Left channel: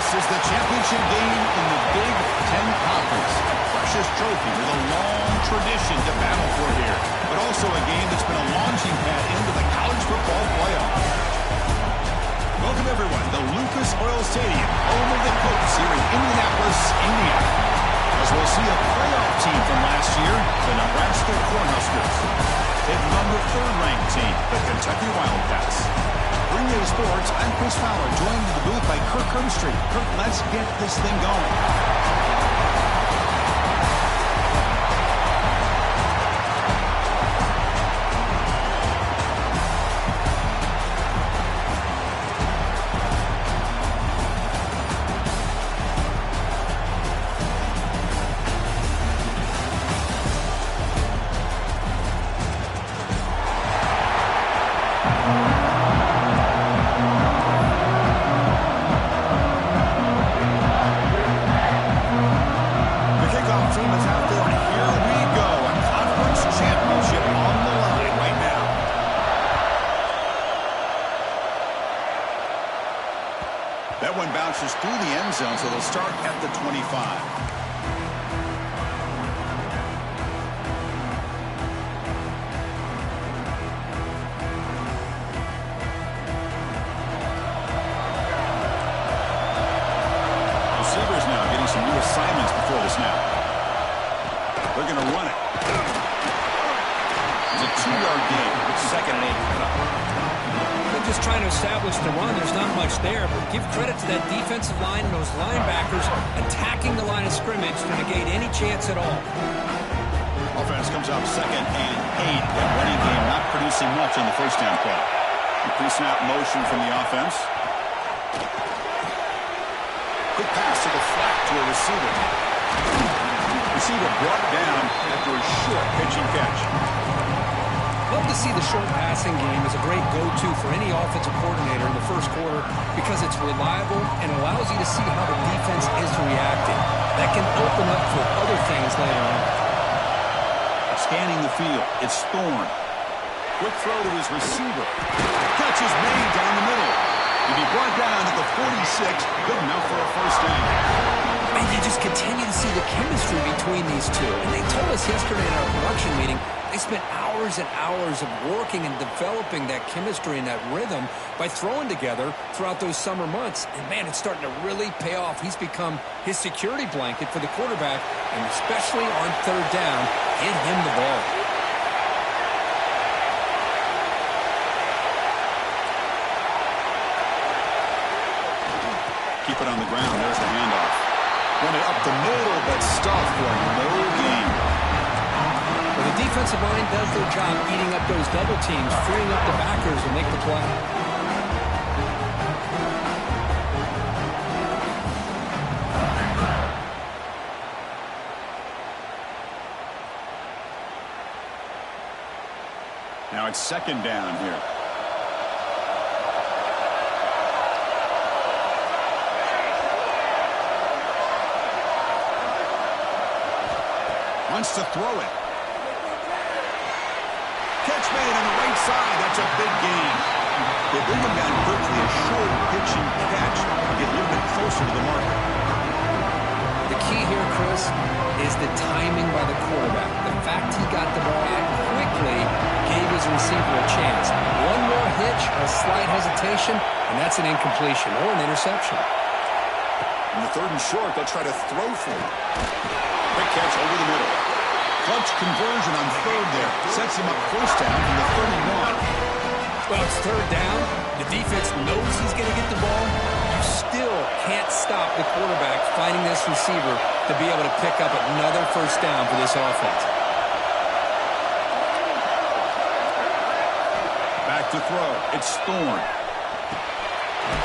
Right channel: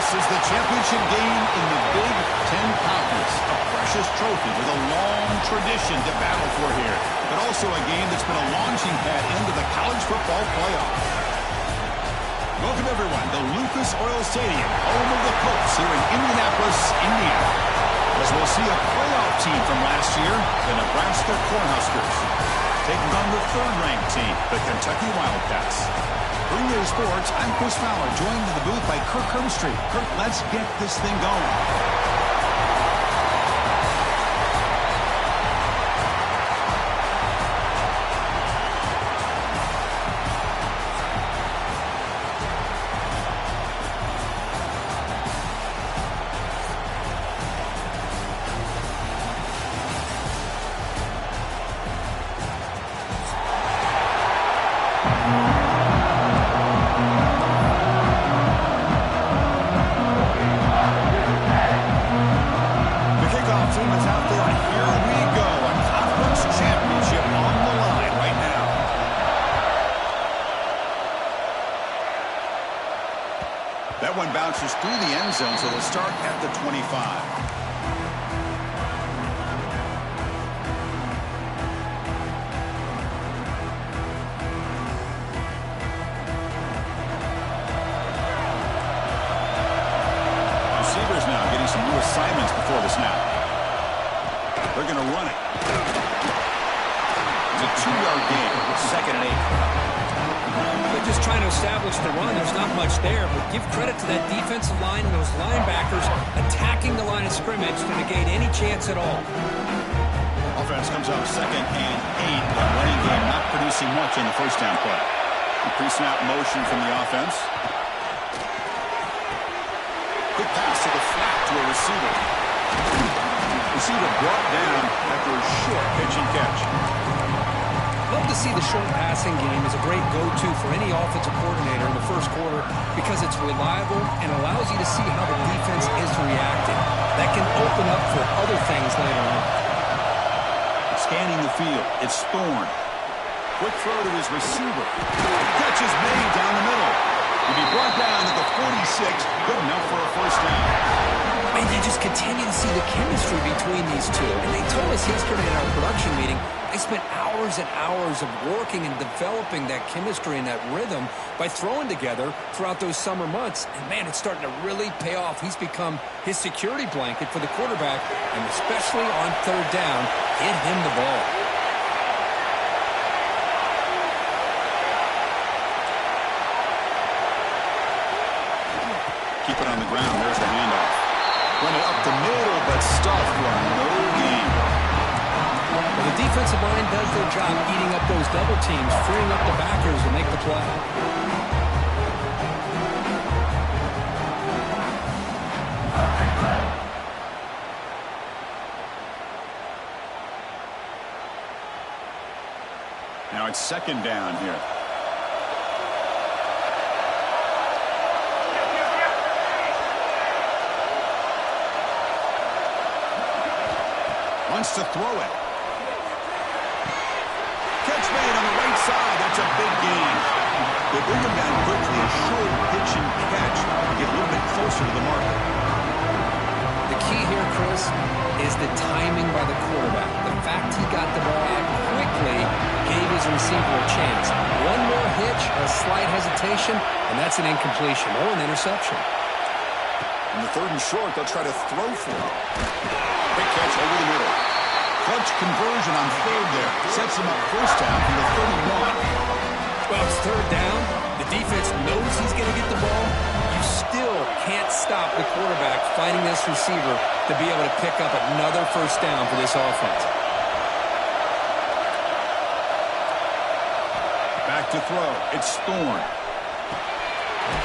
This is the championship game in the Big Ten Conference. A precious trophy with a long tradition to battle for here. But also a game that's been a launching pad into the college football playoff. Welcome, everyone, to Lucas Oil Stadium, home of the Colts here in Indianapolis, Indiana. As we'll see a playoff team from last year, the Nebraska Cornhuskers, taking on the third-ranked team, the Kentucky Wildcats. For EA Sports, I'm Chris Fowler, joined in the booth by Kirk Herbstreit. Kirk, let's get this thing going. That one bounces through the end zone, so they'll start at the 25. Receivers now getting some new assignments before the snap. They're going to run it. It's a 2-yard gain. 2nd and 8. They're just trying to establish the run. There's not much there, but give credit to that defensive line and those linebackers attacking the line of scrimmage to negate any chance at all. Offense comes up 2nd and 8. That running game not producing much on the first down play. Pre-snap motion from the offense. Quick pass to the flat to a receiver. Receiver brought down after a short pitch and catch. Love to see the short passing game as a great go-to for any offensive coordinator in the first quarter because it's reliable and allows you to see how the defense is reacting. That can open up for other things later on. Scanning the field, it's Thorne. Quick throw to his receiver. Catch is made down the middle. He'll be brought down at the 46, good enough for a first down. And you just continue to see the chemistry between these two. And they told us yesterday in our production meeting, they spent hours and hours of working and developing that chemistry and that rhythm by throwing together throughout those summer months. And, man, it's starting to really pay off. He's become his security blanket for the quarterback, and especially on third down, get him the ball. Keep it on the ground. There's the handoff. Run it up the middle, but stuffed for no gain. Well, the defensive line does their job eating up those double teams, freeing up the backers to make the play. Now it's 2nd down here. Wants to throw it. Catch made on the right side. That's a big gain. They bring him down quickly. A short pitch and catch to get a little bit closer to the marker. The key here, Chris, is the timing by the quarterback. The fact he got the ball out quickly gave his receiver a chance. One more hitch, a slight hesitation, and that's an incompletion or an interception. In the 3rd and short, they'll try to throw for it. Quick catch over the middle. Clutch conversion on 3rd there. Sets him up first down from the 31. Well, it's 3rd down. The defense knows he's going to get the ball. You still can't stop the quarterback finding this receiver to be able to pick up another first down for this offense. Back to throw. It's Thorne.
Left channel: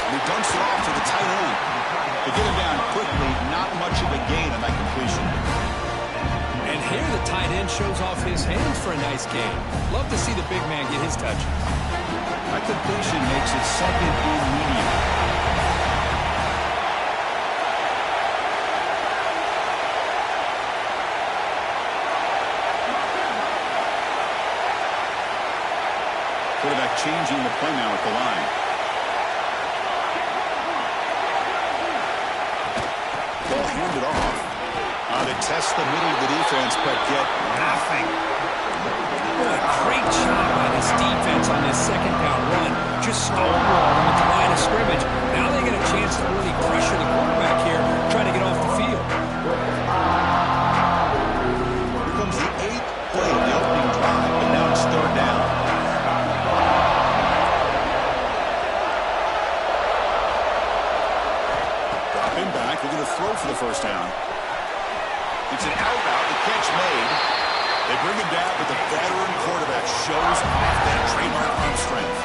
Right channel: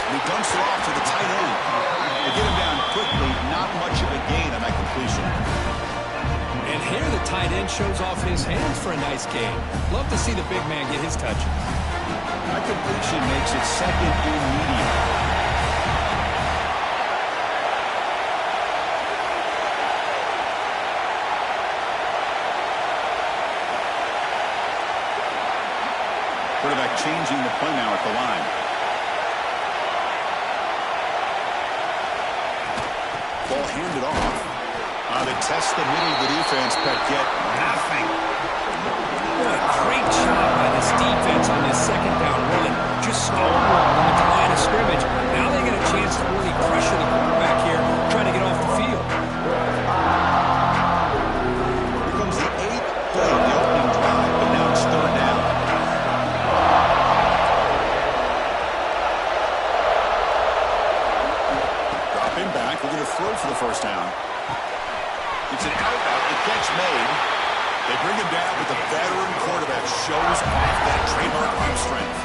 And he dumps it off to the tight end. They get him down quickly. Not much of a gain on that completion. And here the tight end shows off his hands for a nice gain. Love to see the big man get his touches. That completion makes it 2nd and medium. Quarterback changing the play now at the line. ball handed off. They test the middle of the defense, but get nothing. Boy, great job by this defense on this second down run. Just stonewalled them at the line of scrimmage. Now they get a chance to really pressure the quarterback here, trying to get off the field. Here comes the 8th play of the opening drive, but now it's 3rd down. Dropping back, looking to throw for the first down. It's an out route, the catch made. They bring him down, but the veteran quarterback shows off that trademark arm strength.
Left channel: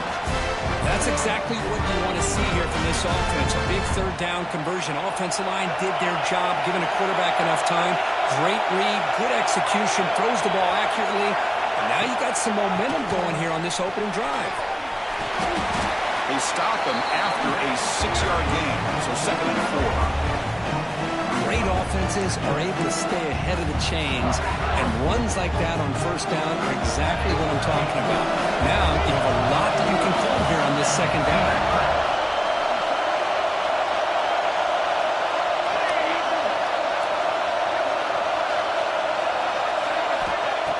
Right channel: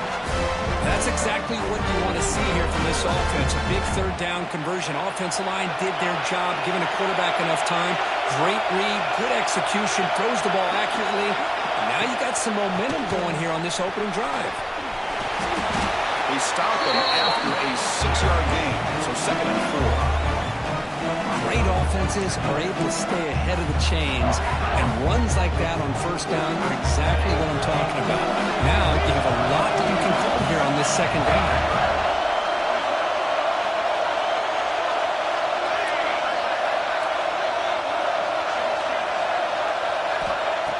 That's exactly what you want to see here from this offense. A big 3rd down conversion. Offensive line did their job, giving the quarterback enough time. Great read, good execution, throws the ball accurately. And now you got some momentum going here on this opening drive. They stop him after a 6-yard gain, so 2nd and 4. Great offenses are able to stay ahead of the chains, and runs like that on 1st down are exactly what I'm talking about. Now you have a lot that you can call here on this 2nd down.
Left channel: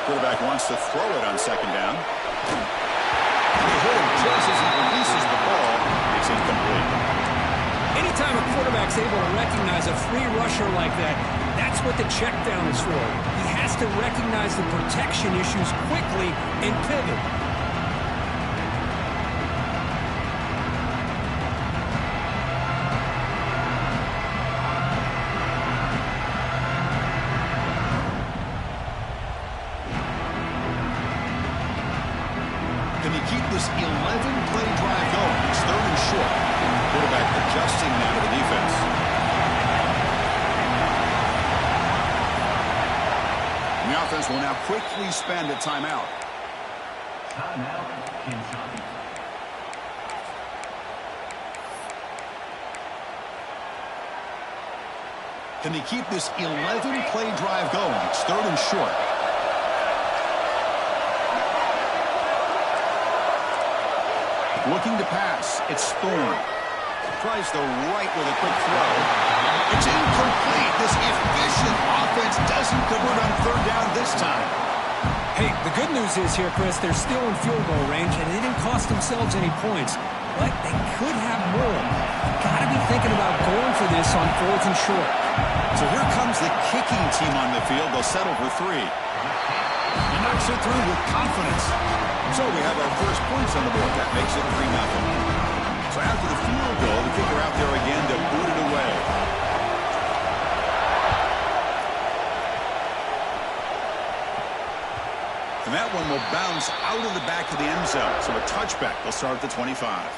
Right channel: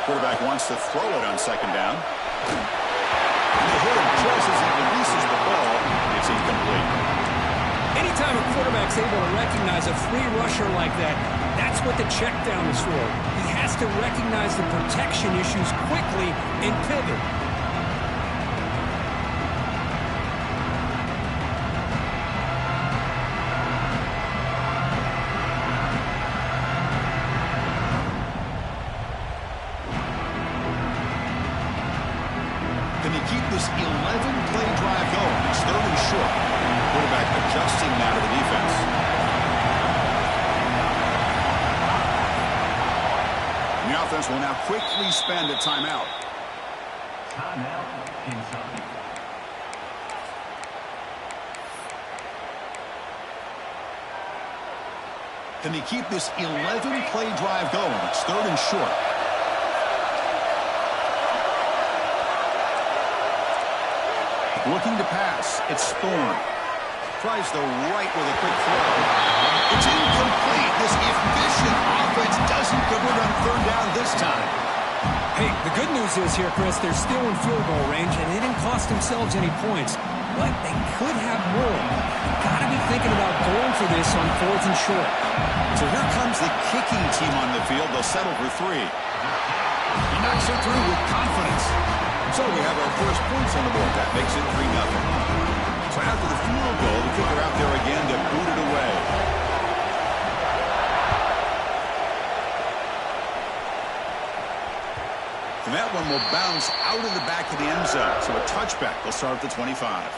Quarterback wants to throw it on 2nd down. They hit him just as he releases the ball. It's incomplete. Anytime a quarterback's able to recognize a free rusher like that, that's what the check down is for. He has to recognize the protection issues quickly and pivot. Can he keep this 11-play drive going? It's 3rd and short. Quarterback adjusting now to the defense. And the offense will now quickly spend a timeout. Timeout, Kentucky. Can they keep this 11-play drive going? It's 3rd and short. Looking to pass. It's Thorne. Tries the right with a quick throw. It's incomplete. This efficient offense doesn't convert on 3rd down this time. Hey, the good news is here, Chris, they're still in field goal range, and they didn't cost themselves any points. But they could have more. You got to be thinking about going for this on 4th and short. So here comes the kicking team on the field. They'll settle for 3. He knocks it through with confidence. So we have our first points on the board. That makes it 3-0. So after the field goal, the kicker out there again to boot it away. And that one will bounce out of the back of the end zone. So a touchback. They'll start at the 25.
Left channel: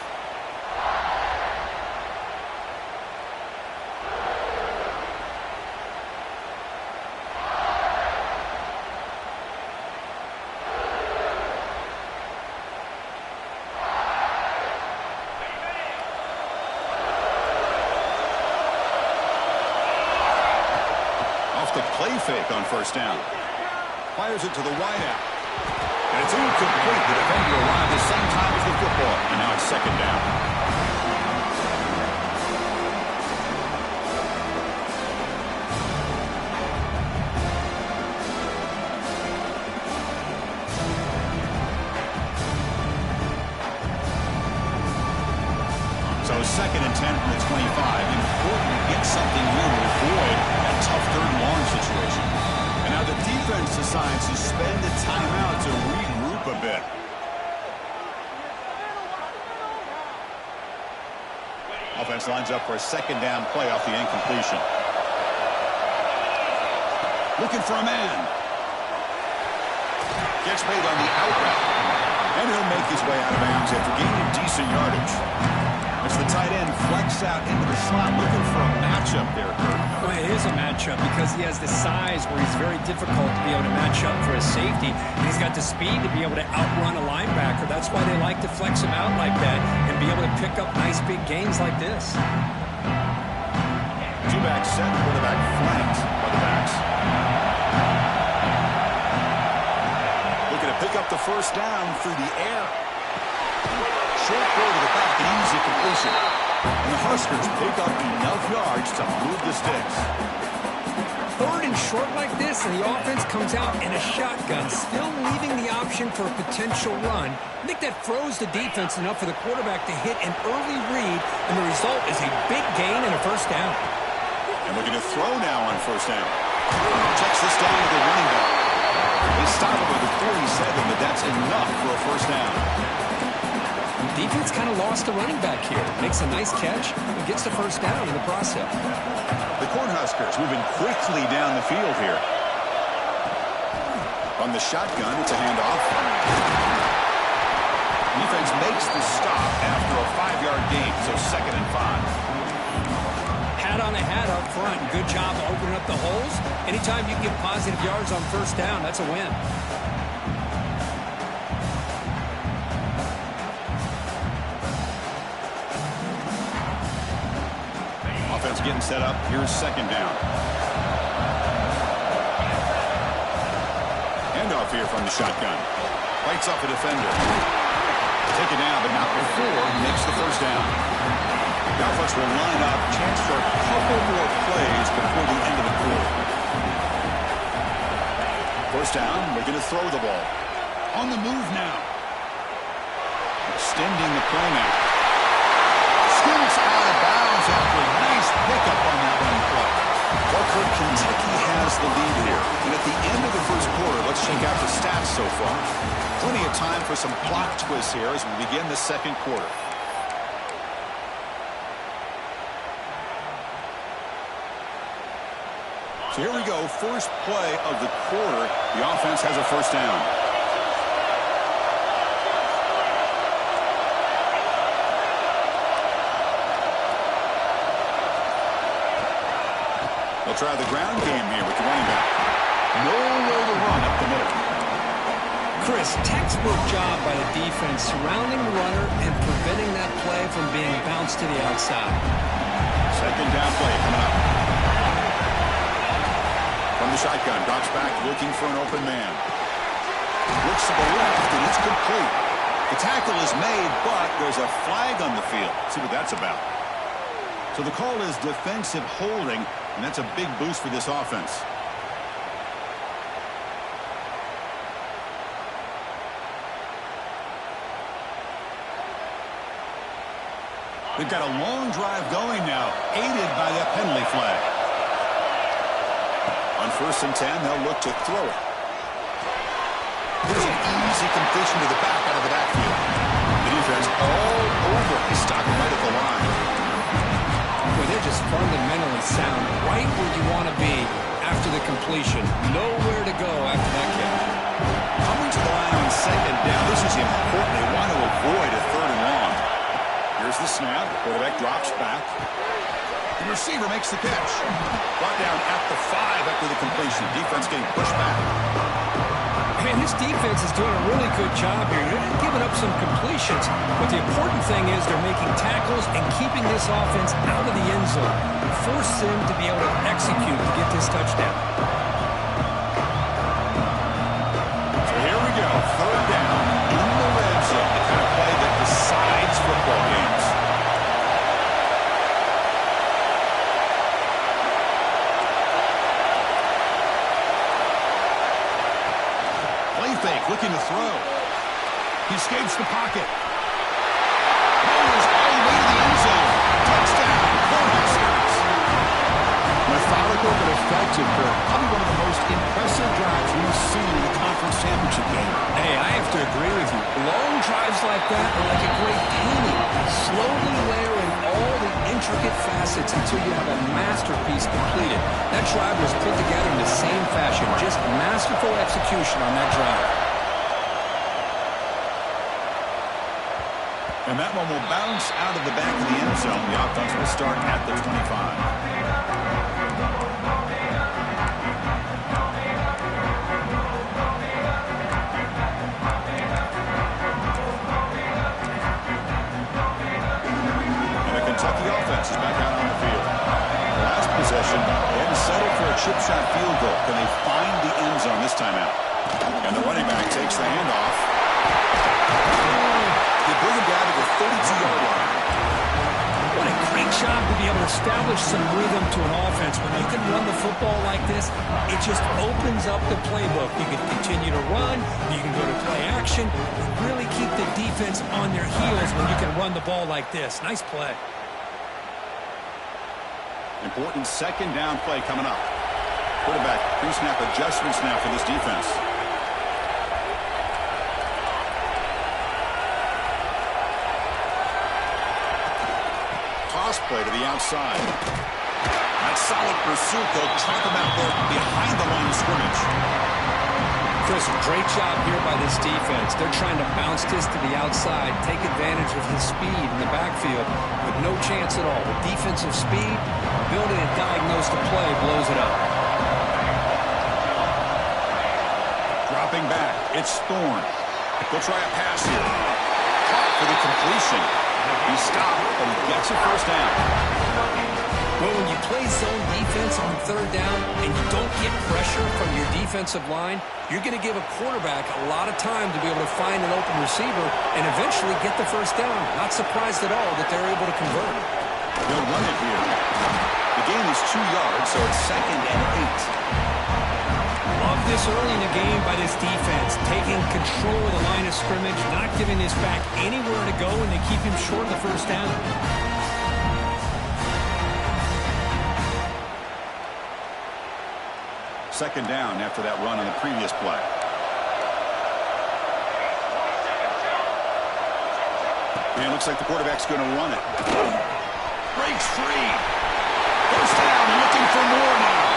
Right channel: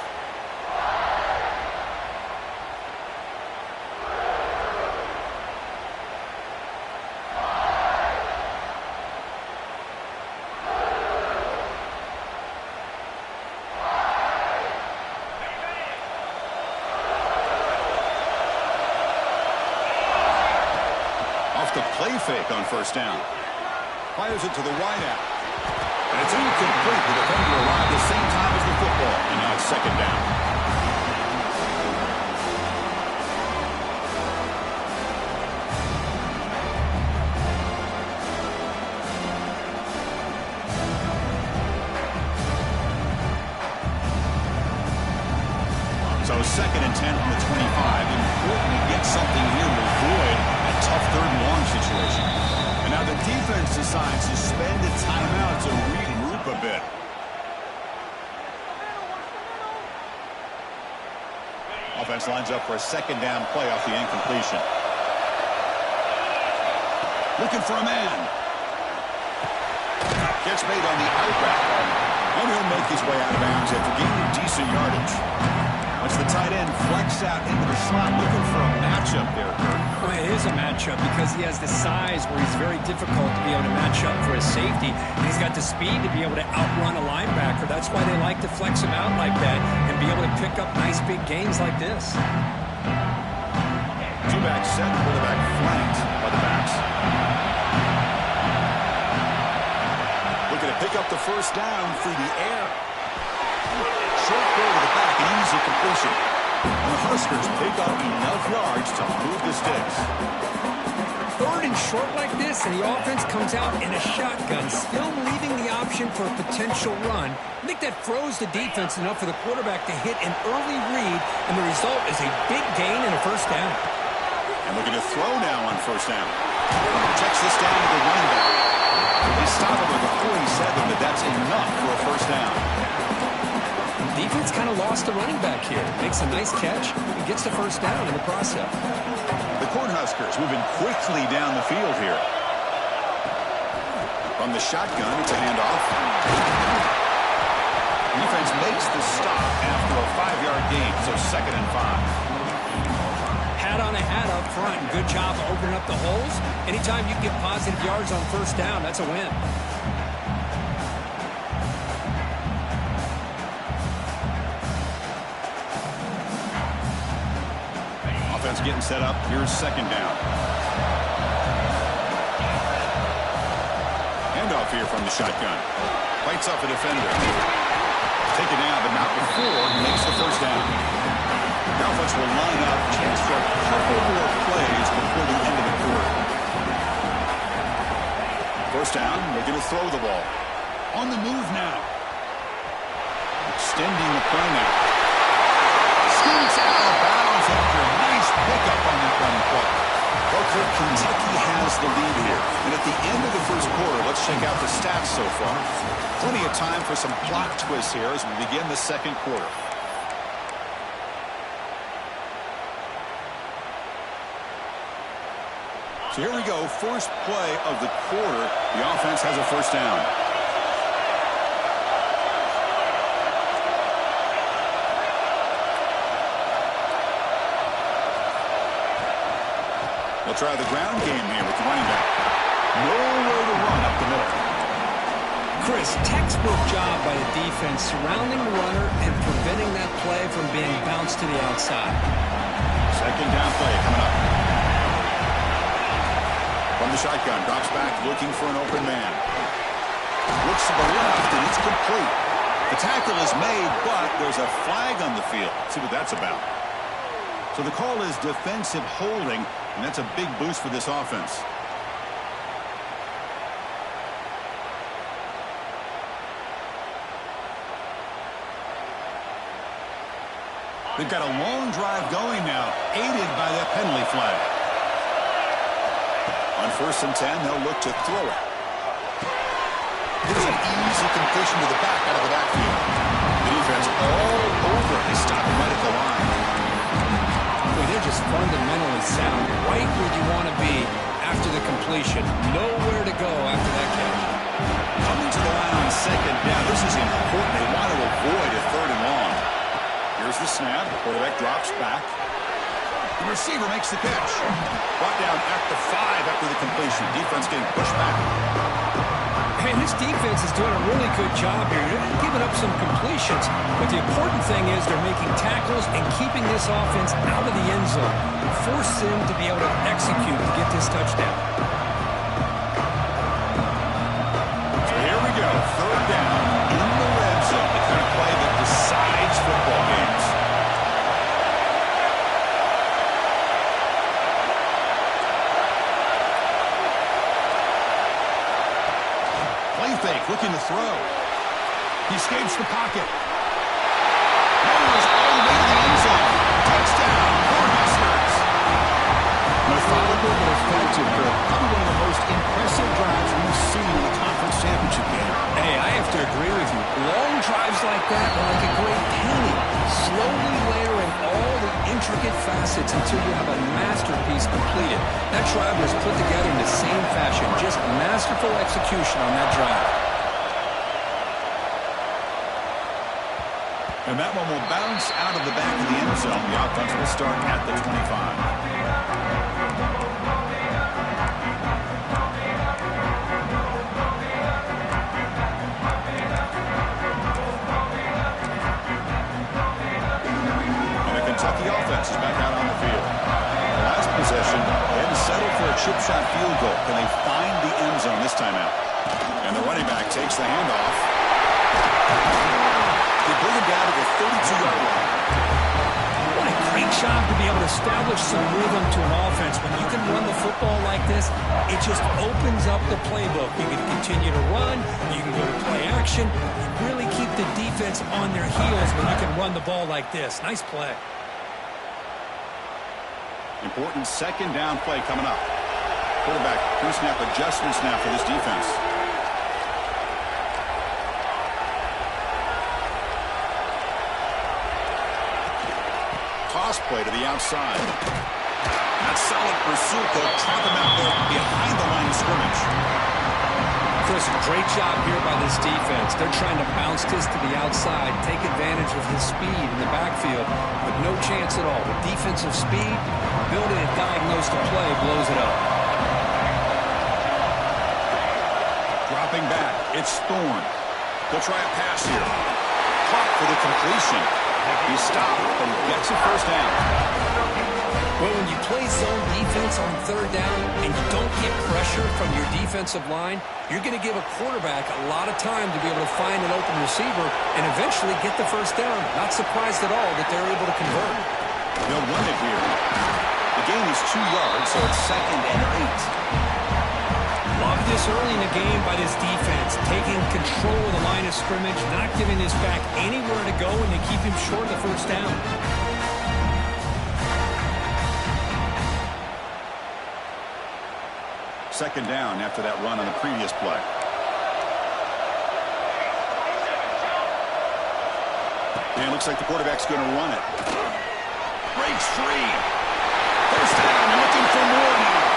Off the play fake on 1st down. Fires it to the wideout. And it's incomplete. The defender arrived the same time as the football. And now it's 2nd down. So 2nd and 10 from the 25. Important to get something here to avoid that tough 3rd and long situation. And now the defense decides to spend a timeout to regroup a bit. Offense lines up for a 2nd down play off the incompletion. Looking for a man. Gets made on the out route. And he'll make his way out of bounds after gaining decent yardage. As the tight end flex out into the slot, looking for a matchup there, Kurt. Well, it is a matchup because he has the size where he's very difficult to be able to match up for his safety. And he's got the speed to be able to outrun a linebacker. That's why they like to flex him out like that and be able to pick up nice big gains like this. Two-back set, quarterback flanked by the backs. Looking to pick up the 1st down through the air. Short throw to the back, an easy completion. And the Huskers pick up enough yards to move the sticks. 3rd and short like this, and the offense comes out in a shotgun, still leaving the option for a potential run. I think that froze the defense enough for the quarterback to hit an early read, and the result is a big gain and a first down. And looking to throw now on first down. Checks this down to the running back. They stop him with the 47, but that's enough for a first down. Defense kind of lost the running back here. Makes a nice catch and gets the first down in the process. The Cornhuskers moving quickly down the field here. From the shotgun, it's a handoff. Defense makes the stop after a 5-yard gain, so 2nd and 5. Hat on a hat up front. Good job of opening up the holes. Anytime you can get positive yards on first down, that's a win. Offense getting set up. Here's 2nd down. Handoff here from the shotgun. Bites off a defender. Take it down, but not before he makes the first down. The offense will line up. Chance for a couple more plays before the end of the quarter. First down. Looking to throw the ball. On the move now. Extending the play now. Scoots out of bounds after a nice pickup on that running play. Well, Kirk, Kentucky has the lead here. And at the end of the first quarter, let's check out the stats so far. Plenty of time for some plot twists here as we begin the second quarter. So here we go, first play of the quarter. The offense has a first down. They'll try the ground game here with the running back. Nowhere to run up the middle. Chris, textbook job by the defense surrounding the runner and preventing that play from being bounced to the outside. 2nd down play coming up. From the shotgun, drops back looking for an open man. Looks to the left, and it's complete. The tackle is made, but there's a flag on the field. See what that's about. So the call is defensive holding, and that's a big boost for this offense. They've got a long drive going now, aided by that penalty flag. On 1st and 10, they'll look to throw it. Here's an easy completion to the back out of the backfield. The defense all over. They stop him right at the line. Boy, they're just fundamentally sound, right where you want to be after the completion. Nowhere to go after that catch. Coming to the line on 2nd down. This is important. They want to avoid a 3rd and long. Here's the snap. The quarterback drops back. The receiver makes the catch. Brought down at the 5 after the completion. Defense getting pushed back. And this defense is doing a really good job here. They're giving up some completions, but the important thing is they're making tackles and keeping this offense out of the end zone. Force them to be able to execute to get this touchdown. So here we go. 3rd down in the red zone. The kind of play that decides football games. Play fake, looking to throw. He escapes the pocket. Rolls all the way to the end zone. Touchdown, Cornhuskers. Methodical but effective, Kirk. Probably one of the most impressive drives we've seen in a conference championship game. Hey, I have to agree with you. Long drives like that are like a great painting. Slowly layering all the intricate facets until you have a masterpiece completed. That drive was put together in the same fashion. Just masterful execution on that drive. And that one will bounce out of the back of the end zone. The offense will start at the 25. Kentucky offense is back out on the field. The last possession, they had to settle for a chip shot field goal. Can they find the end zone this time out? And the running back takes the handoff. They bring him down to the 32-yard line. What a job to be able to establish some rhythm to an offense. When you can run the football like this, it just opens up the playbook. You can continue to run. You can go to play action. You really keep the defense on their heels when you can run the ball like this. Nice play. Important second down play coming up. Quarterback pre-snap adjustments now for this defense. Toss play to the outside. That's solid pursuit. They'll trap him out there behind the line of scrimmage. Chris, great job here by this defense. They're trying to bounce this to the outside, take advantage of his speed in the backfield, but no chance at all. With defensive speed, ability to diagnose the play blows it up. Dropping back, it's Thorne. They'll try a pass here. Caught for the completion. He stopped, but he gets a first down. Well, when you play zone defense on third down and you don't get pressure from your defensive line, you're going to give a quarterback a lot of time to be able to find an open receiver and eventually get the first down. Not surprised at all that they're able to convert. They'll run it here. The gain is 2 yards, so it's 2nd and 8. Love this early in the game by this defense, taking control of the line of scrimmage, not giving this back anywhere to go, and they keep him short of the first down. Second down after that run on the previous play. And it looks like the quarterback's going to run it. Breaks free. First down, looking for more now.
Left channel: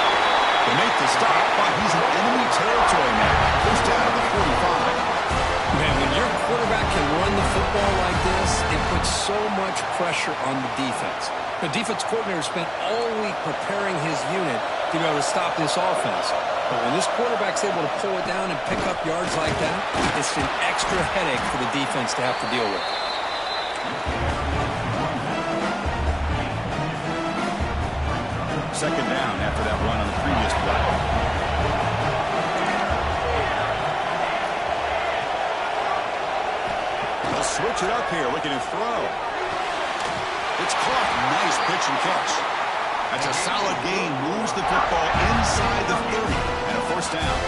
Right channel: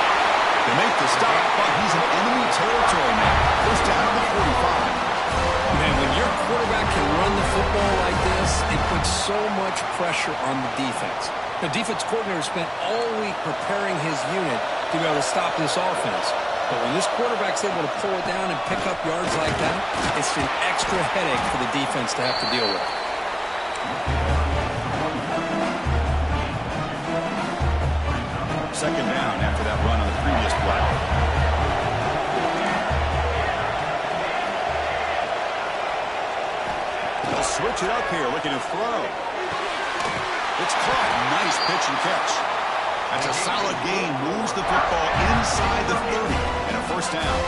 They make the stop, but he's in enemy territory now. First down at the 45. Man, when your quarterback can run the football like this, it puts so much pressure on the defense. The defense coordinator spent all week preparing his unit to be able to stop this offense. But when this quarterback's able to pull it down and pick up yards like that, it's an extra headache for the defense to have to deal with. Second down after that run on the previous play. They'll switch it up here, looking to throw. It's caught. Nice pitch and catch. That's a solid gain. Moves the football inside the 30 and a first down.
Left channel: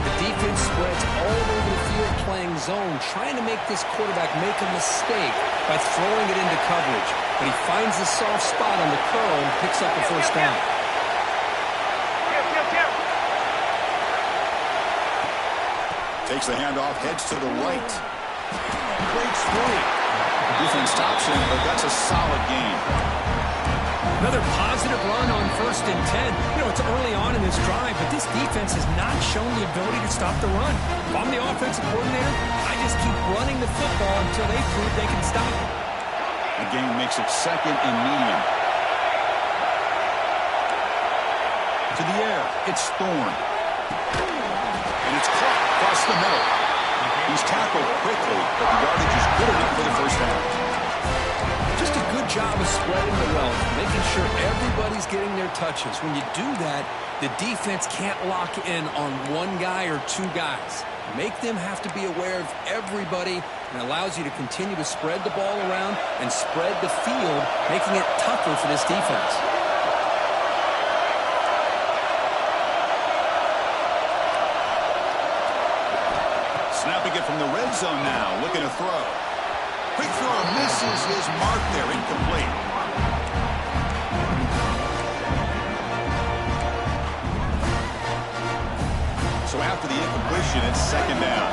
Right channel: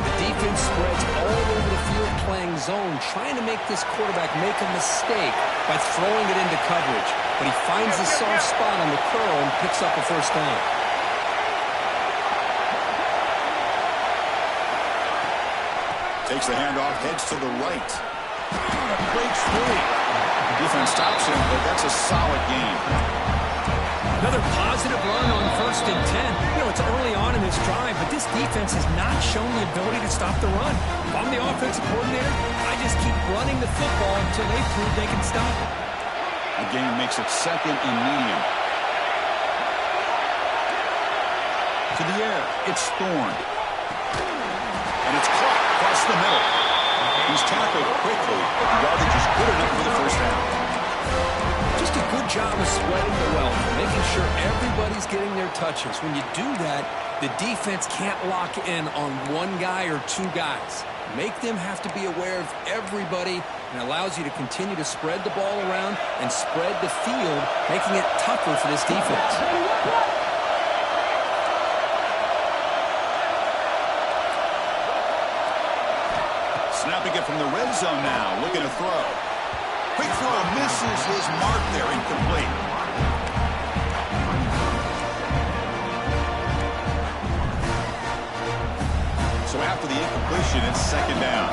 The defense spreads all over the field playing zone, trying to make this quarterback make a mistake by throwing it into coverage. But he finds the soft spot on the curl and picks up a first down. Takes the handoff, heads to the right. Breaks free. Defense stops him, but that's a solid gain. Another positive run on 1st and 10. You know, it's early on in this drive, but this defense has not shown the ability to stop the run. If I'm the offensive coordinator, I just keep running the football until they prove they can stop it. A gain makes it 2nd and medium. To the air, it's Thorne. And it's caught across the middle. He's tackled quickly, but the yardage is good enough for the first down. Just a good job of spreading the wealth, making sure everybody's getting their touches. When you do that, the defense can't lock in on one guy or two guys. Make them have to be aware of everybody, and allows you to continue to spread the ball around and spread the field, making it tougher for this defense. Snapping it from the red zone now, looking to throw. Quick throw misses his mark there, incomplete. So after the incompletion, it's second down.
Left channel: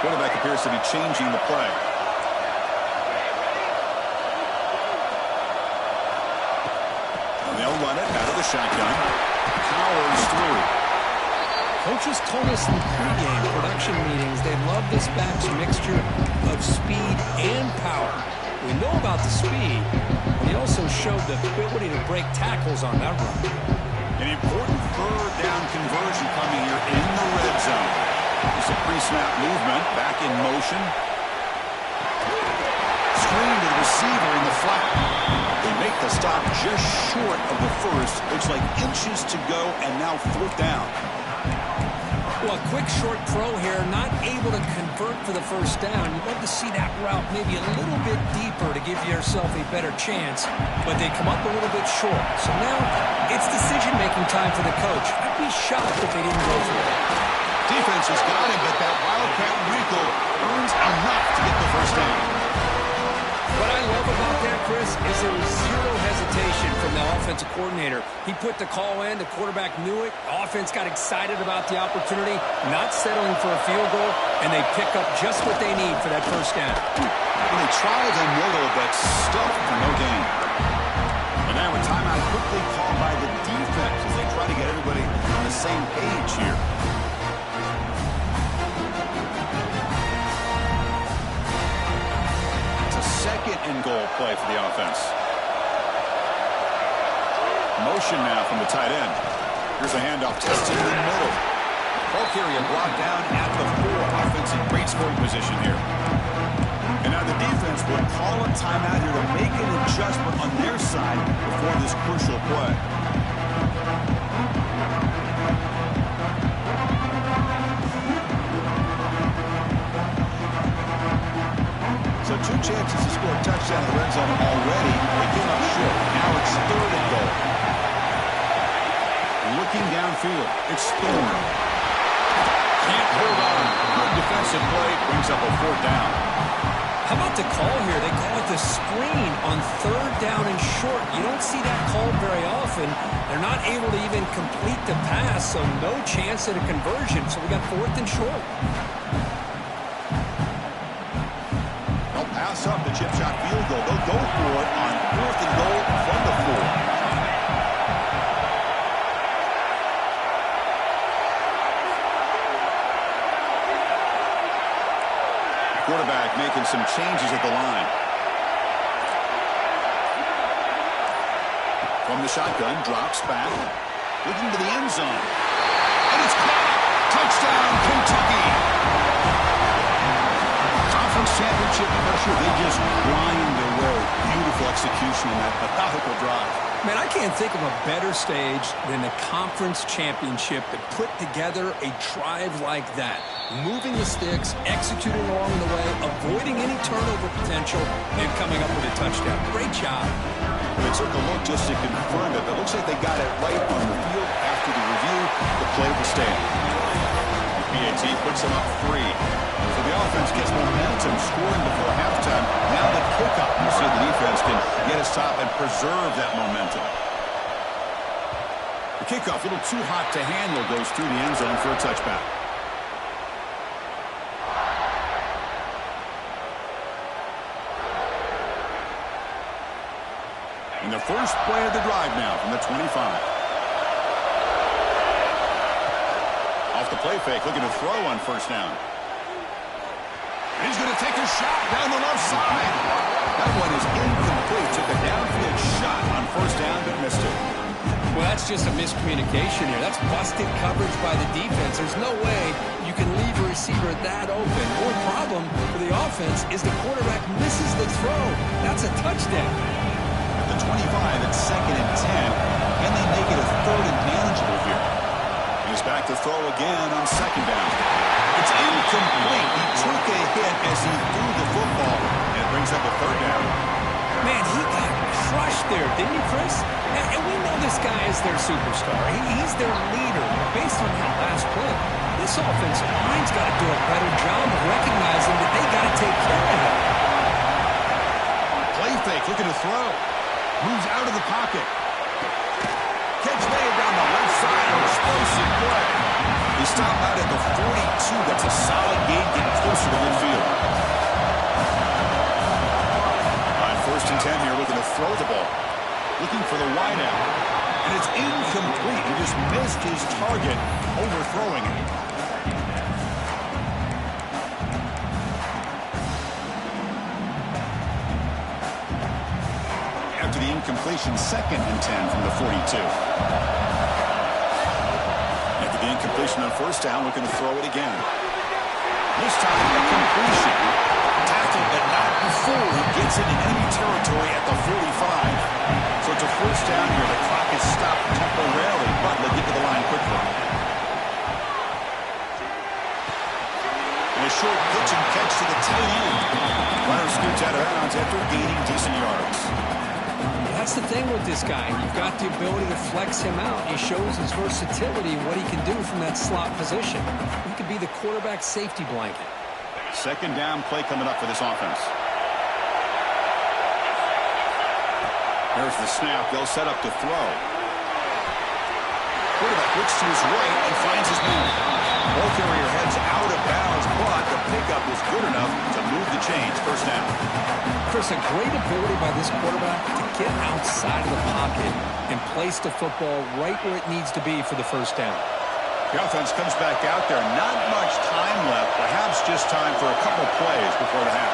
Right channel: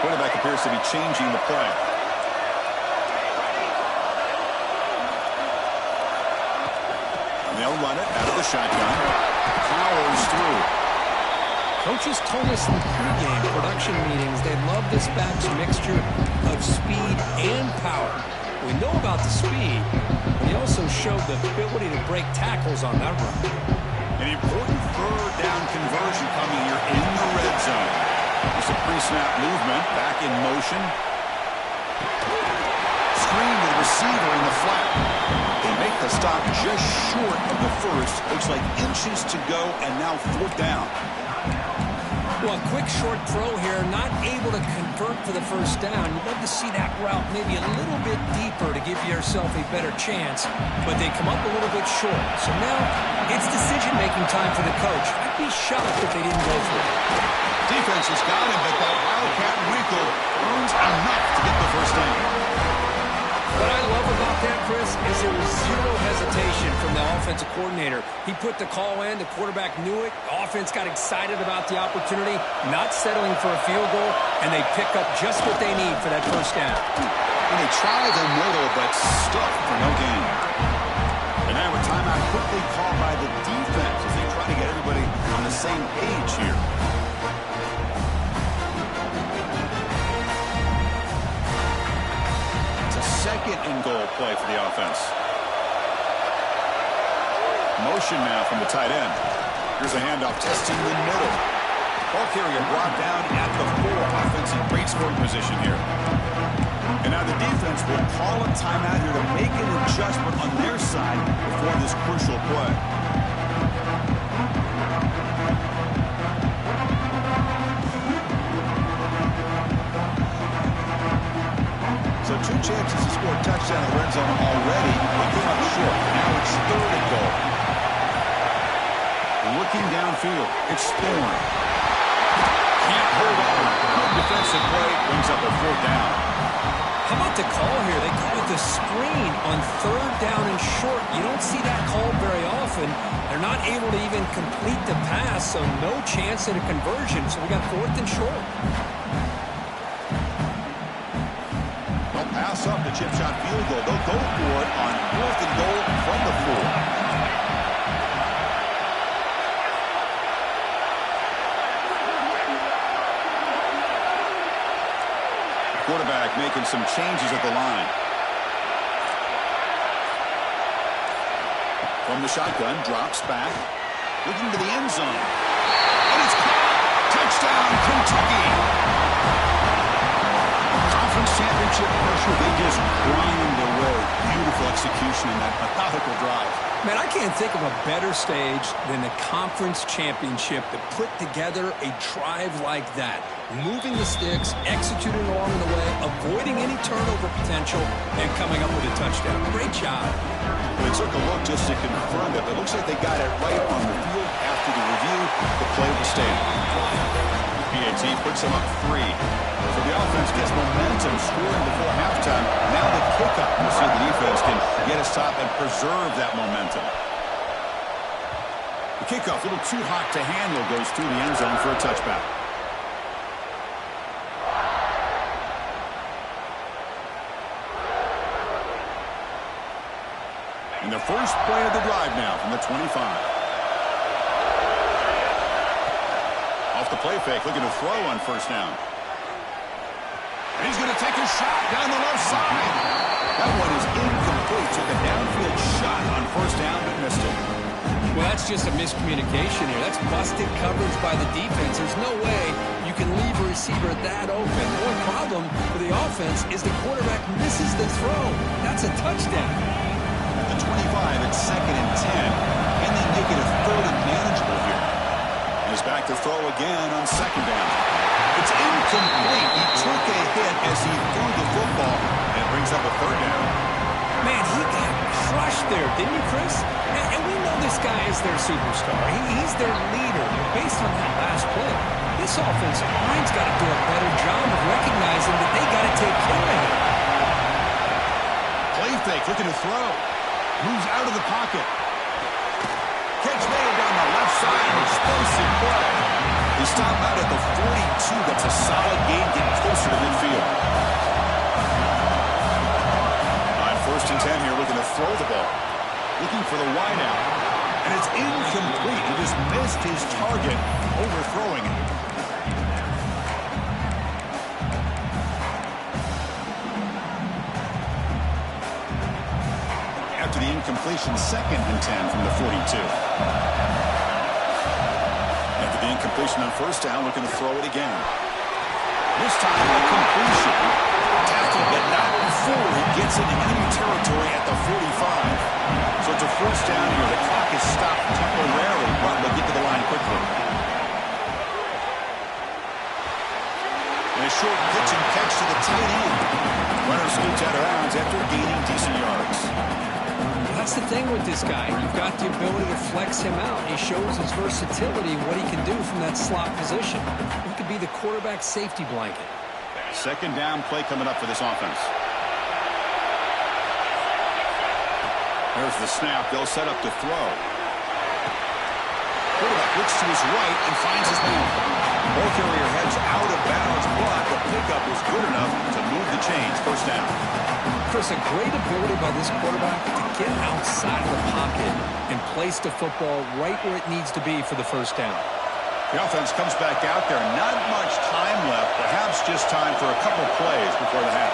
Quarterback appears to be changing the play. And they'll run it out of the shotgun. Powers through. Coaches told us in the pregame production meetings they love this back's mixture of speed and power. We know about the speed, but he also showed the ability to break tackles on that run. An important third down conversion coming here in the red zone. It's a pre-snap movement, back in motion. screen to the receiver in the flat. They make the stop just short of the first. Looks like inches to go, and now 4th down. Well, a quick short throw here, not able to convert for the first down. You'd love to see that route maybe a little bit deeper to give yourself a better chance, but they come up a little bit short. So now it's decision-making time for the coach. I'd be shocked if they didn't go for it. Defense has got him, but that Wildcat wrinkle earns enough to get the first down. What I love about that, Chris, is there was zero hesitation from the offensive coordinator. He put the call in. The quarterback knew it. The offense got excited about the opportunity, not settling for a field goal, and they pick up just what they need for that first down. And they try the middle, but stuffed for no gain. And now a timeout quickly called by the defense as they try to get everybody on the same page here. Second and goal play for the offense. Motion now from the tight end. Here's a handoff tested in the middle. Ball carrier brought down at the 4. Offensive great scoring position here. And now the defense will call a timeout here to make an adjustment on their side before this crucial play. So 2 chances to score a touchdown in the red zone already. They came up short. Now it's 3rd and goal. Looking downfield. It's Thorne. Can't hold on. Good defensive play. Brings up a 4th down. How about the call here? They call it the screen on 3rd down and short. You don't see that called very often. They're not able to even complete the pass, so no chance at a conversion. So we got 4th and short. Pass up the chip shot field goal. They'll go for it on 4th and goal from the 4. Quarterback making some changes at the line. From the shotgun, drops back, looking to the end zone. And it's caught! Touchdown, Kentucky! Conference championship pressure, they just grind away. Beautiful execution in that methodical drive. Man, I can't think of a better stage than the conference championship to put together a drive like that. Moving the sticks, executing along the way, avoiding any turnover potential, and coming up with a touchdown. Great job. They took a look just to confirm it. It looks like they got it right on the field. After the review, the play will stand. BAT puts them up 3. So the offense gets momentum, scoring before halftime. Now the kickoff. You see the defense can get a stop and preserve that momentum. The kickoff, a little too hot to handle, goes through the end zone for a touchback. And the first play of the drive now from the 25. Off the play fake, looking to throw on 1st down. And he's going to take a shot down the left side. That one is incomplete. Took a downfield shot on 1st down, but missed it. Well, that's just a miscommunication here. That's busted coverage by the defense. There's no way you can leave a receiver that open. The only problem for the offense is the quarterback misses the throw. That's a touchdown. At the 25, it's 2nd and 10. Can they make it a 3rd and manageable here? He's back to throw again on 2nd down. It's incomplete. He took a hit as he threw the football, and it brings up a 3rd down. Man, he got crushed there, didn't he, Chris? And we know this guy is their superstar. He's their leader. Based on that last play, this offensive line's got to do a better job of recognizing that they got to take care of him. Play fake, looking to throw. Moves out of the pocket. Catch made down the left side. An explosive play. They stop out at the 42. That's a solid gain, getting closer to midfield. On 1st and 10 here, looking to throw the ball. Looking for the wide out. And it's incomplete. He just missed his target, overthrowing it. After the incompletion, 2nd and 10 from the 42. After the incompletion on 1st down, looking to throw it again. This time, a completion. Tackled, but not before he gets into enemy territory at the 45. So it's a first down here. The clock is stopped temporarily, but they'll get to the line quickly. And a short pitch and catch to the tight end. Runner scoots out of bounds after gaining decent yards. That's the thing with this guy. You've got the ability to flex him out. He shows his versatility and what he can do from that slot position. He could be the quarterback safety blanket. Second down play coming up for this offense. There's the snap. They'll set up to throw. Quarterback looks to his right and finds his man. Ball carrier heads out of bounds, but the pickup was good enough to move the chains. First down. Chris, a great ability by this quarterback to get outside of the pocket and place the football right where it needs to be for the first down. The offense comes back out there. Not much time left. Perhaps just time for a couple plays before the half.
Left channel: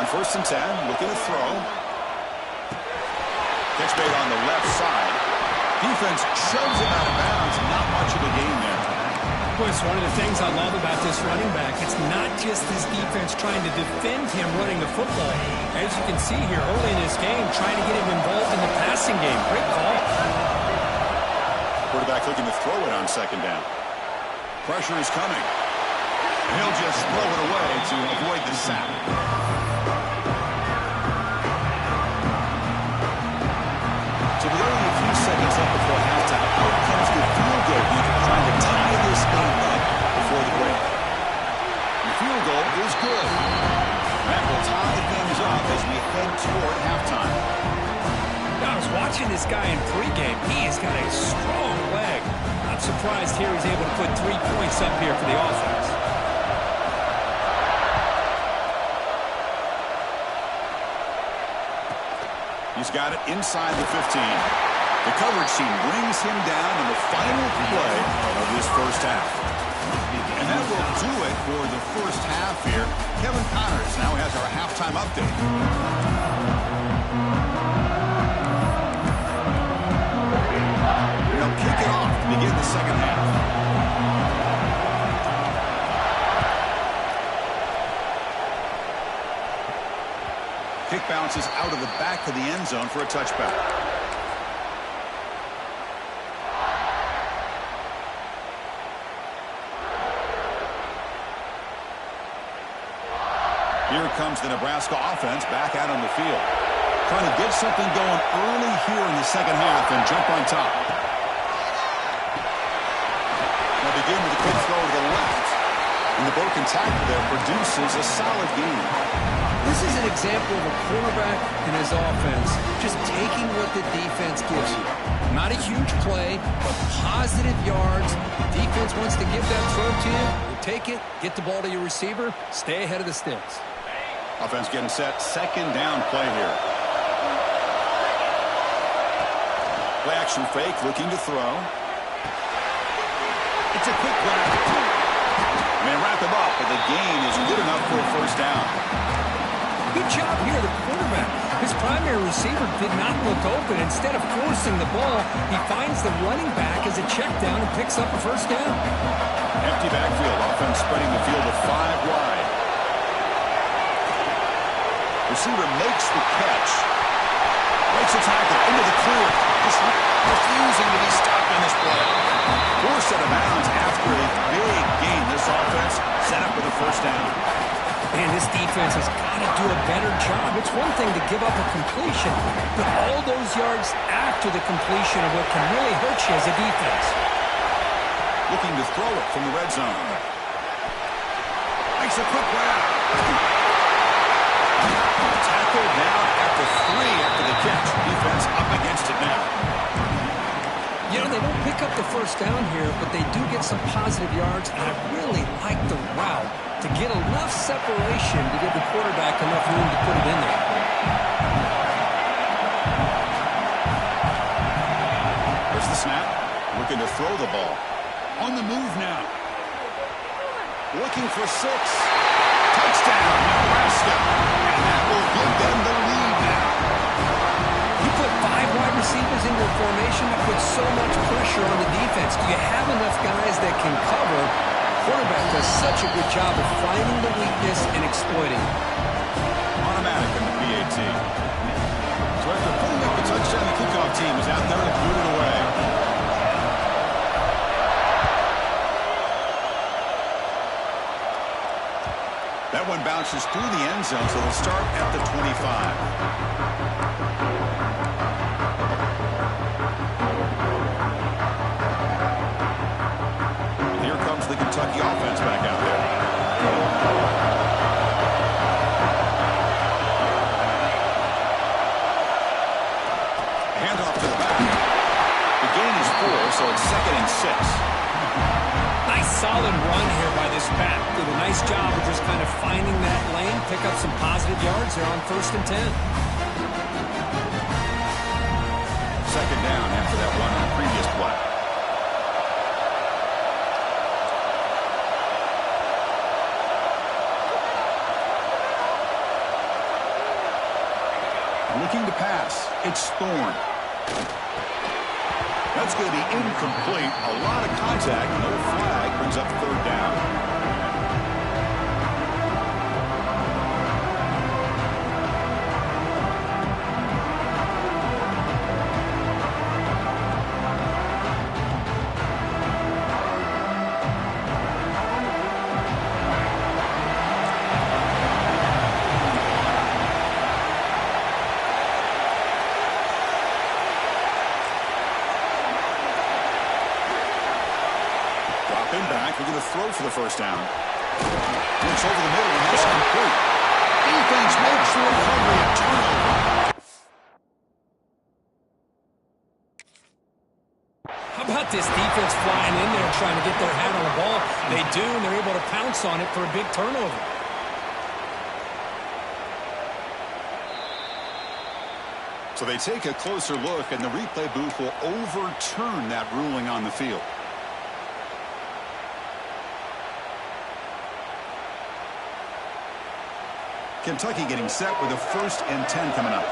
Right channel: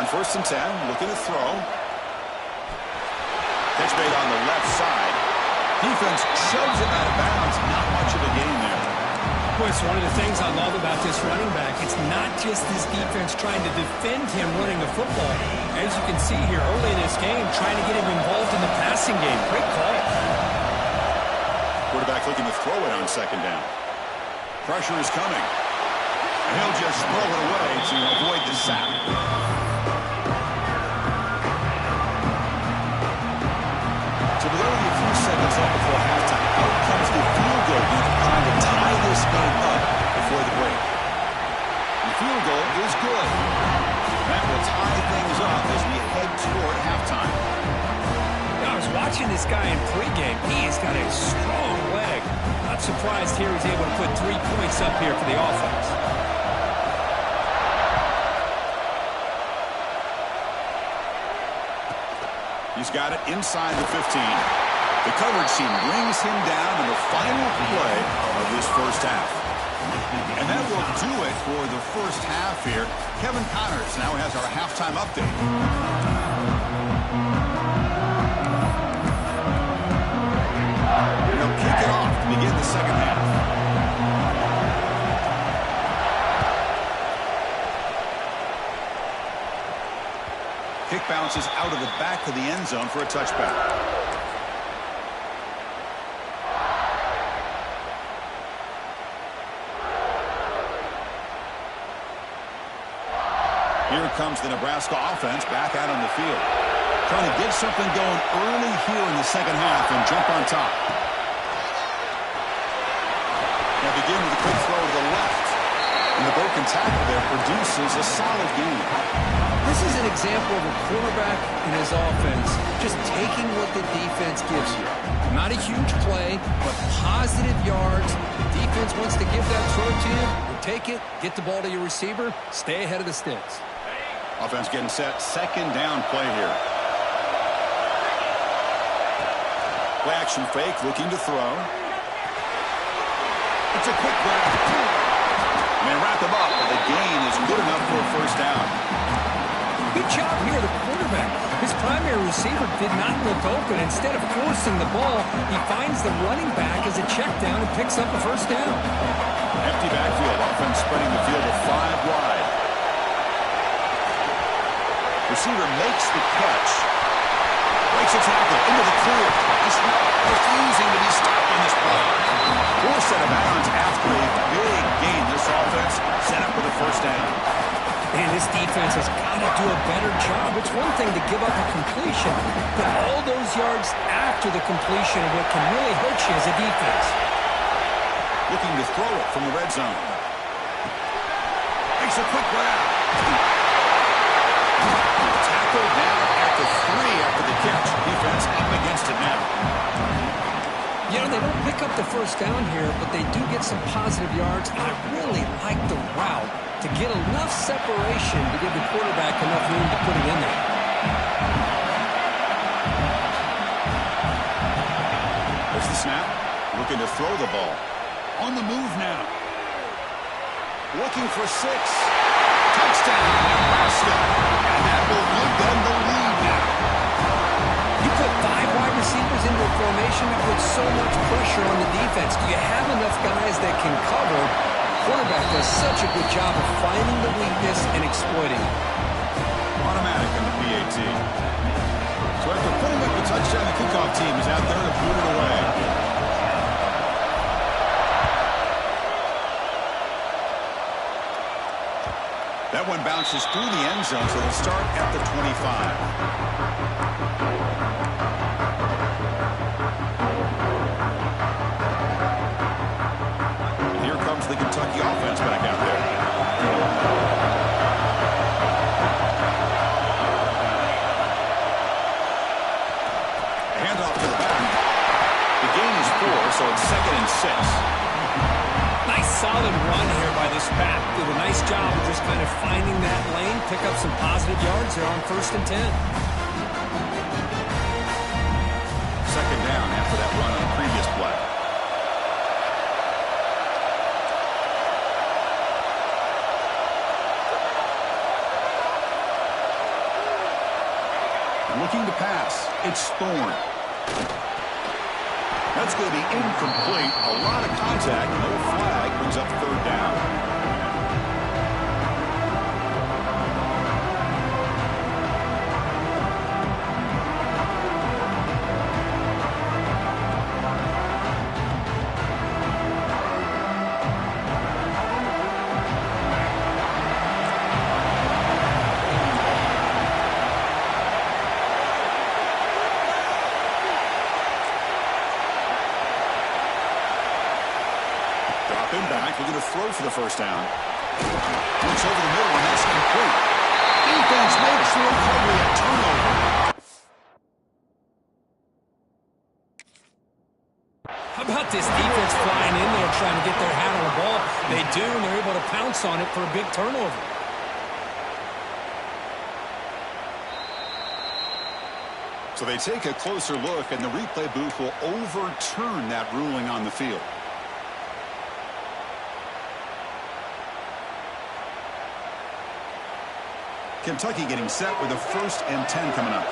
On 1st and 10, looking to throw. Catch made on the left side. Defense shoves him out of bounds. Not much of a gain there. Well, it's one of the things I love about this running back. It's not just this defense trying to defend him running the football. As you can see here early in this game, trying to get him involved in the passing game. Great call. Quarterback looking to throw it on second down. Pressure is coming. And he'll just throw it away to avoid the sack. So with only a few seconds left before halftime, out comes the field goal unit trying to tie this game up before the break. The field goal is good. That will tie things up as we head toward halftime. I was watching this guy in pregame. He has got a strong leg. Not surprised here he's able to put 3 points up here for the offense. He's got it inside the 15. The coverage team brings him down in the final play of this first half. And that will do it for the first half here. Kevin Connors now has our halftime update. And they'll kick it off to begin the second half. Kick bounces out of the back of the end zone for a touchback. Here comes the Nebraska offense back out on the field. Trying to get something going early here in the second half and jump on top. Now begin with a quick throw to the left. And the broken tackle there produces a solid gain. This is an example of a quarterback and his offense just taking what the defense gives you. Not a huge play, but positive yards. The defense wants to give that throw to you. You take it, get the ball to your receiver, stay ahead of the sticks. Offense getting set. Second down play here. Play action fake, looking to throw. It's a quick grab. Man, wrap him up, but the gain is good enough for a first down. Good job here, the quarterback. His primary receiver did not look open. Instead of forcing the ball, he finds the running back as a check down and picks up a first down. Empty backfield. Offense spreading the field to 5 wide. Receiver makes the catch. Breaks a tackle into the clear. Just refusing to be stopped in this play. Forced out of bounds after a big gain. This offense set up for the first down. Man, this defense has got to do a better job. It's one thing to give up a completion, but all those yards after the completion are what can really hurt you as a defense. Looking to throw it from the red zone. Makes a quick grab. Tackled down at the 3 after the catch. Defense up against it now. You know, they don't pick up the first down here, but they do get some positive yards, and I really like the route to get enough separation to give the quarterback enough room to put it in there. There's the snap. Looking to throw the ball. On the move now. Looking for 6. Touchdown, Nebraska. And that will give them the lead now. You put 5 wide receivers into a formation formation that puts so much pressure on the defense. Do you have enough guys that can cover? Quarterback does such a good job of finding the weakness and exploiting it. Automatic on the B10. So after putting up a touchdown, the kickoff team is out there to boot it away. That one bounces through the end zone, so they'll start at the 25. The Kentucky offense back out there. A handoff to the back. The gain is 4, so it's 2nd and 6. Nice solid run here by this back. Did a nice job of just kind of finding that lane, pick up some positive yards there on 1st and 10. 2nd down after that run on the previous play. Looking to pass. It's Thorne. That's going to be incomplete. A lot of contact. No flag. Brings up 3rd down. Drop him back. We're going to throw for the 1st down. Looks over the middle, and that's complete. Defense makes the recovery, a turnover. How about this defense flying in there trying to get their hand on the ball? They do, and they're able to pounce on it for a big turnover. So they take a closer look, and the replay booth will overturn that ruling on the field. Kentucky getting set with a 1st and 10 coming up.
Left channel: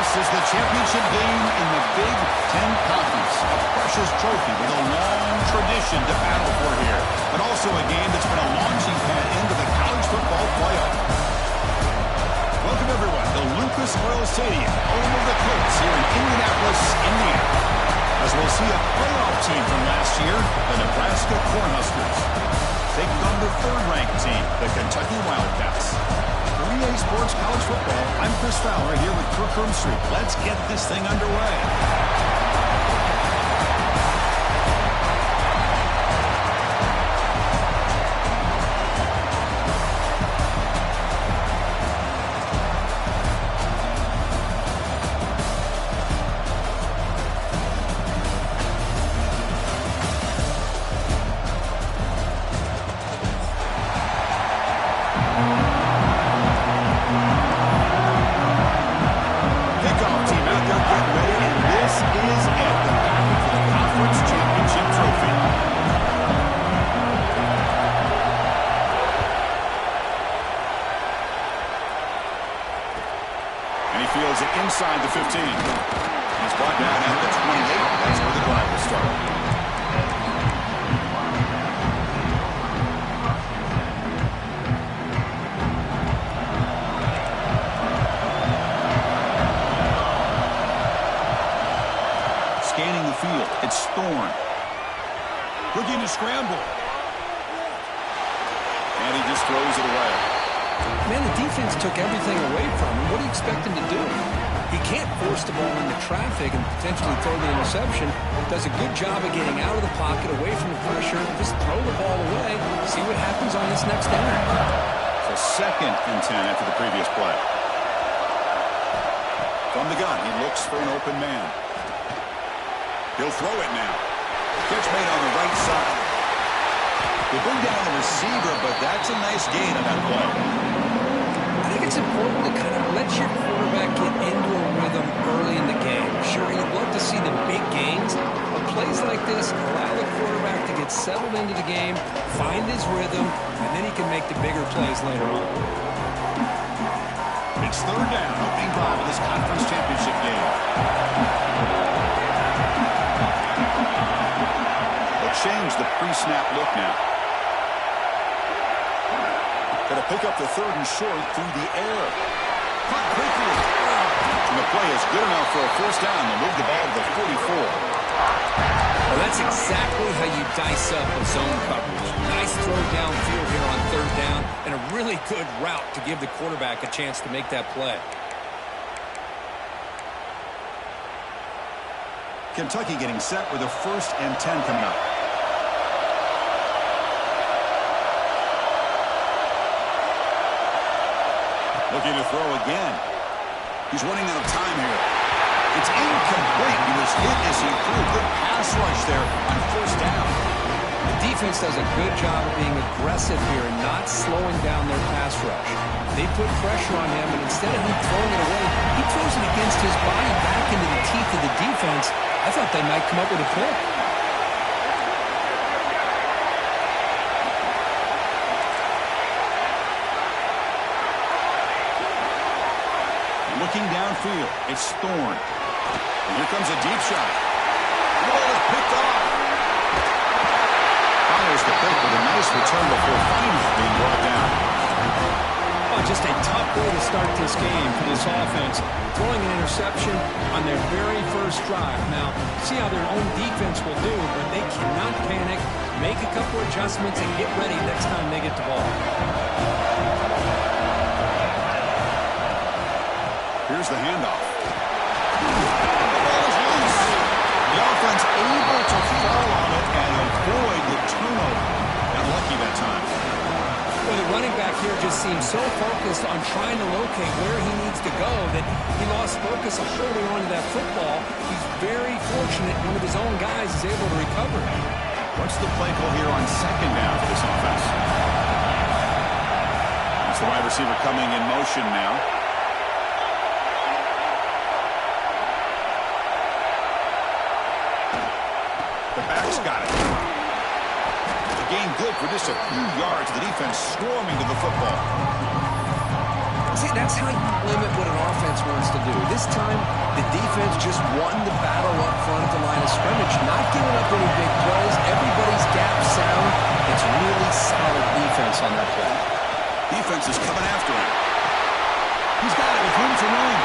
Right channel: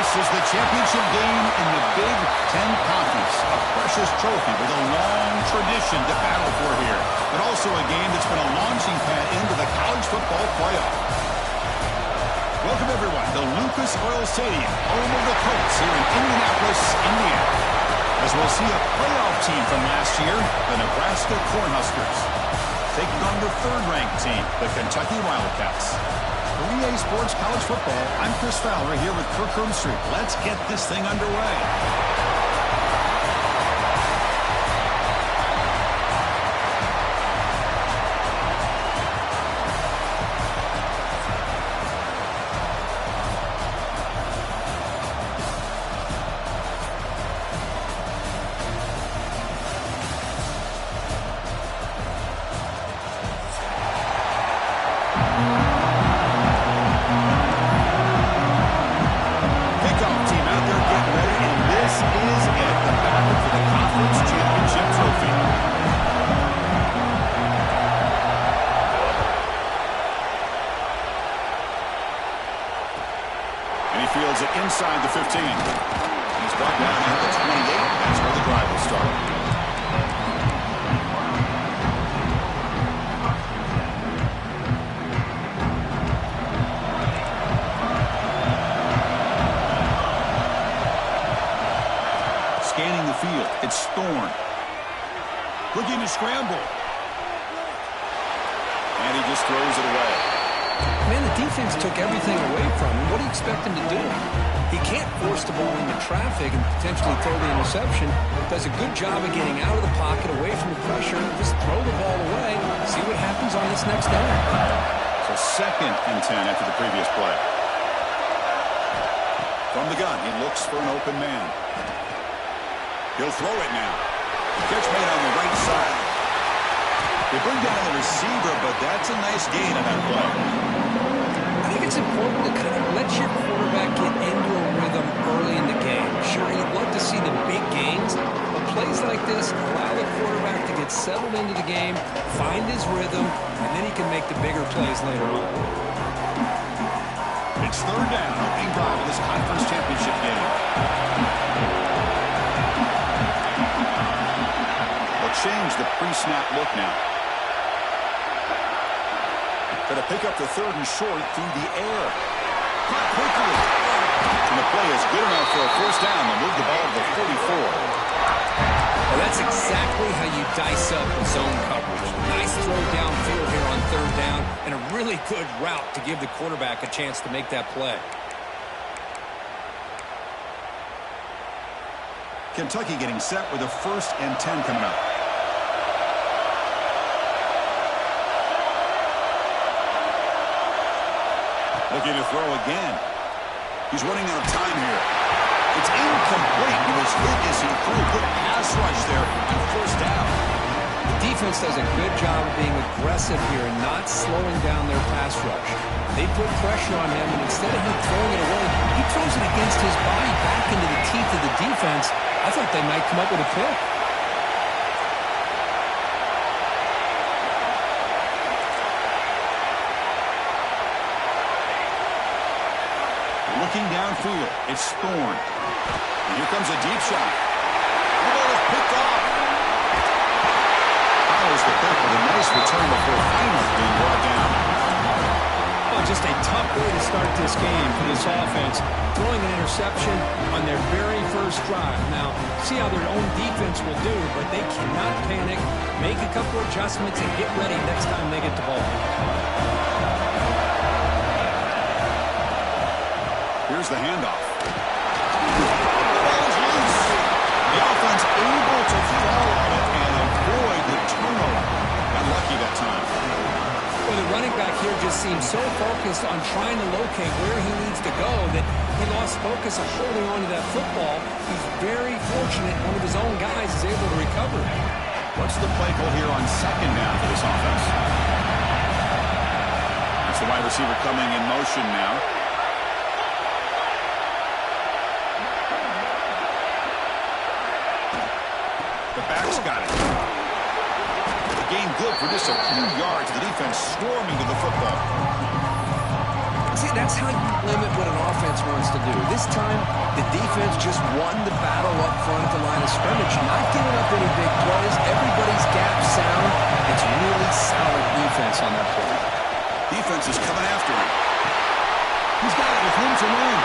This is the championship game in the Big Ten Conference. A precious trophy with a long tradition to battle for here. But also a game that's been a launching pad into the college football playoff. Welcome, everyone, to Lucas Oil Stadium, home of the Colts here in Indianapolis, Indiana. As we'll see a playoff team from last year, the Nebraska Cornhuskers, taking on the third-ranked team, the Kentucky Wildcats. For EA Sports College Football, I'm Chris Fowler here with Kirk Herbstreit. Let's get this thing underway. Fields it inside the 15. He's brought down at the 28. That's where the drive will start. Scanning the field. It's Thorne. Looking to scramble. And he just throws it away. Man, the defense took everything away from him. What do you expect him to do? He can't force the ball into traffic and potentially throw the interception. Does a good job of getting out of the pocket, away from the pressure, and just throw the ball away. See what happens on this next down. So 2nd and 10 after the previous play. From the gun, he looks for an open man. He'll throw it now. The catch made on the right side. They bring down the receiver, but that's a nice gain on that play. I think it's important to kind of let your quarterback get into a rhythm early in the game. Sure, you'd love to see the big gains, but plays like this allow the quarterback to get settled into the game, find his rhythm, and then he can make the bigger plays later on. It's 3rd down, opening drive of this conference championship game. They'll change the pre-snap look now. Going to pick up the 3rd and short through the air. Caught quickly. And the play is good enough for a 1st down. They'll move the ball to the 44. Well, that's exactly how you dice up a zone coverage. Nice throw downfield here on 3rd down, and a really good route to give the quarterback a chance to make that play. Kentucky getting set with a 1st and 10 coming up. Looking to throw again. He's running out of time here. It's incomplete. He was hit as he threw. Good pass rush there on 1st down. The defense does a good job of being aggressive here and not slowing down their pass rush. They put pressure on him, and instead of him throwing it away, he throws it against his body back into the teeth of the defense. I thought they might come up with a pick. Looking downfield, it's Thorne. And here comes a deep shot. The ball is picked off. Follows the pick with a nice return before finally being brought down. Oh, just a tough way to start this game for this offense. Throwing an interception on their very first drive. Now, see how their own defense will do, but they cannot panic, make a couple adjustments, and get ready next time they get the ball. Here's the handoff. The ball is loose. The offense able to fall on it and avoid the turnover. Got lucky that time. Well, the running back here just seems so focused on trying to locate where he needs to go that he lost focus of holding on to that football. He's very fortunate one of his own guys is able to recover it. What's the play call here on 2nd down for this offense? That's the wide receiver coming in motion now. The back's got it. The gain good for just a few yards. The defense swarming to the football. See, that's how you limit what an offense wants to do. This time, the defense just won the battle up front at the line of scrimmage, not giving up any big plays. Everybody's gap sound. It's really solid defense on that play. Defense is coming after him. He's got it with room to run.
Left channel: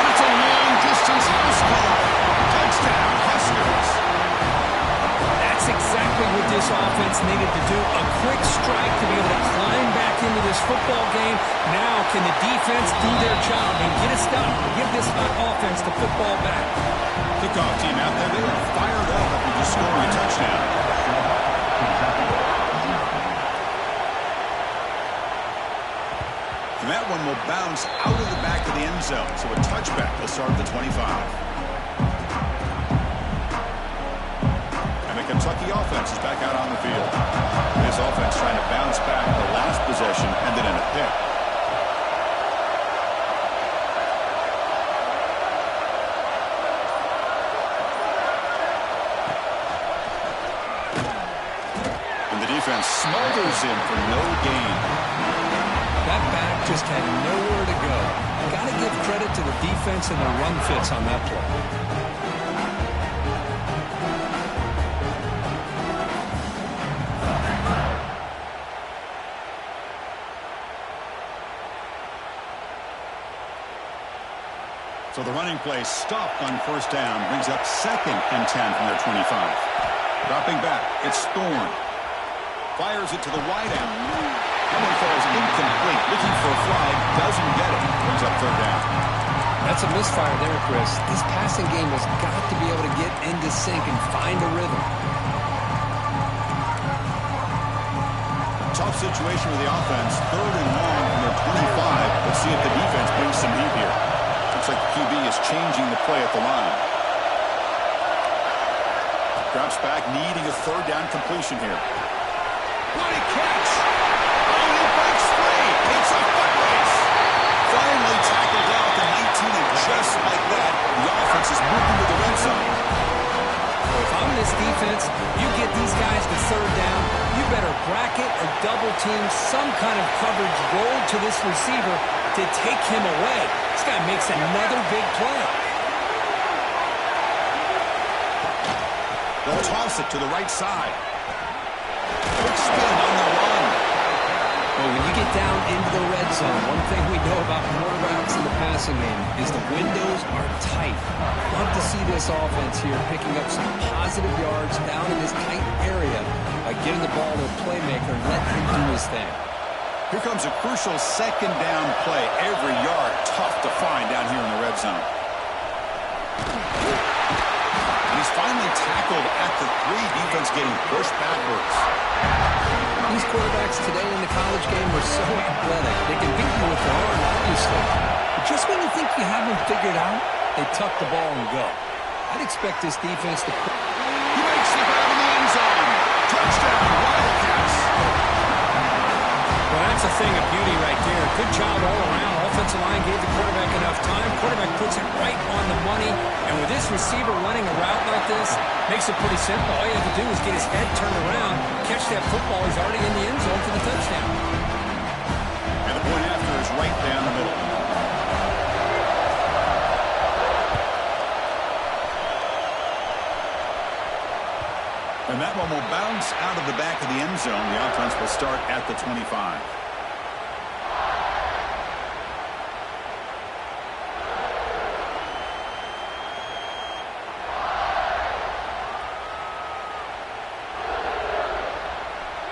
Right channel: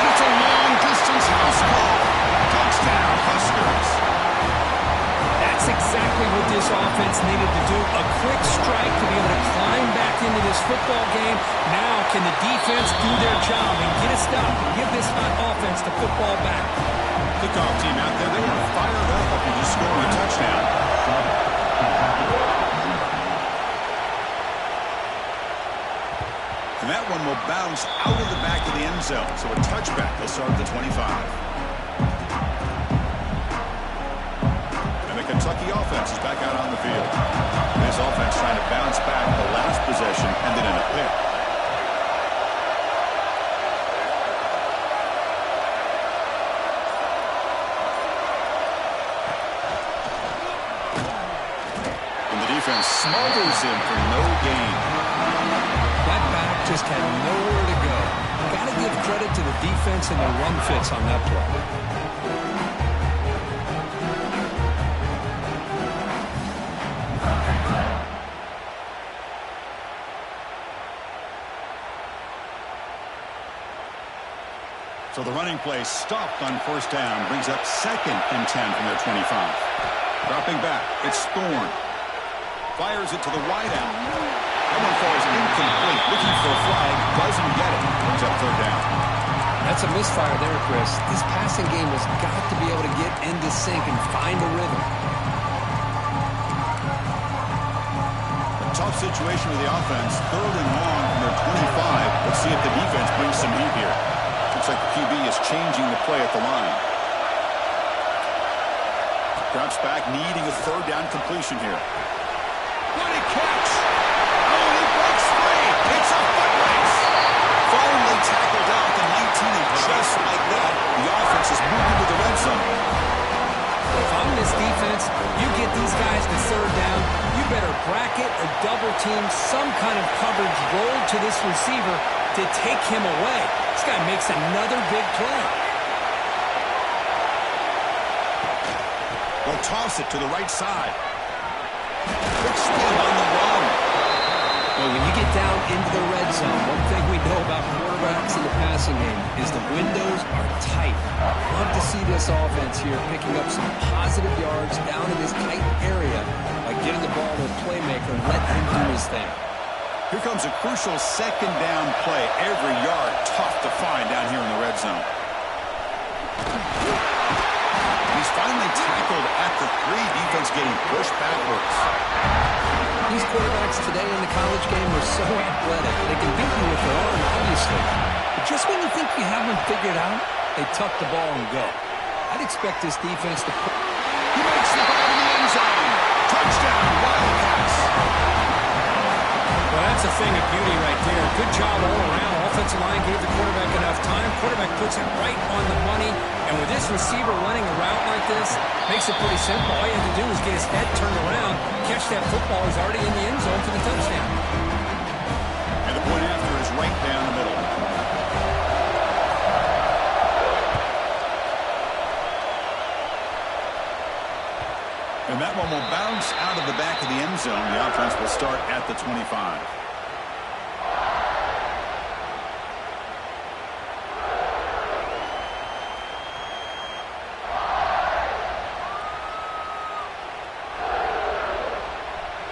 And it's a long-distance house call. Touchdown, Huskers. That's exactly what this offense needed to do. A quick strike to be able to climb back into this football game. Now can the defense do their job and get a stop? Give this hot offense the football back. Kickoff team out there. They are fired up after just scoring a touchdown. And that one will bounce out of the back of the end zone. So a touchback will start at the 25. Kentucky offense is back out on the field. This offense trying to bounce back the last possession and then in a pick. And the defense smothers him for no gain. That back just had nowhere to go. Got to give credit to the defense and their run fits on that play. So the running play stopped on first down, brings up 2nd and 10 from their 25. Dropping back, it's Thorne. Fires it to the wideout. That one falls incomplete. Looking for a flag, doesn't get it. Brings up 3rd down. That's a misfire there, Chris. This passing game has got to be able to get into sync and find a rhythm. A tough situation with the offense. 3rd and long from their 25. Let's see if the defense brings some heat here. Looks like the QB is changing the play at the line. Drops back, needing a 3rd down completion here. What a catch! Oh, and he breaks free! It's a foot race! Finally tackled out the 19, and just like that, the offense is moving to the red zone. Well, if I'm this defense, you get these guys to 3rd down, you better bracket or double team some kind of coverage roll to this receiver to take him away. This guy makes another big play. They'll toss it to the right side. Quick spin on the run. Well, when you get down into the red zone, one thing we know about quarterbacks in the passing game is the windows are tight. Love to see this offense here picking up some positive yards down in this tight area by getting the ball to a playmaker and letting him do his thing. Here comes a crucial 2nd down play. Every yard tough to find down here in the red zone. And he's finally tackled at the 3. Defense getting pushed backwards. These quarterbacks today in the college game are so athletic. They can beat you with their arm, obviously. But just when you think you have them figured out, they tuck the ball and go. I'd expect this defense to... He makes the grab in the end zone. Touchdown, Wildcats. Well, that's a thing of beauty right there. Good job all around. Offensive line gave the quarterback enough time. Quarterback puts it right on the money. And with this receiver running a route like this, makes it pretty simple. All you have to do is get his head turned around, catch that football. He's already in the end zone for the touchdown. And the point after is right down the middle. And that one will bounce out of the back of the end zone. The offense will start at the 25.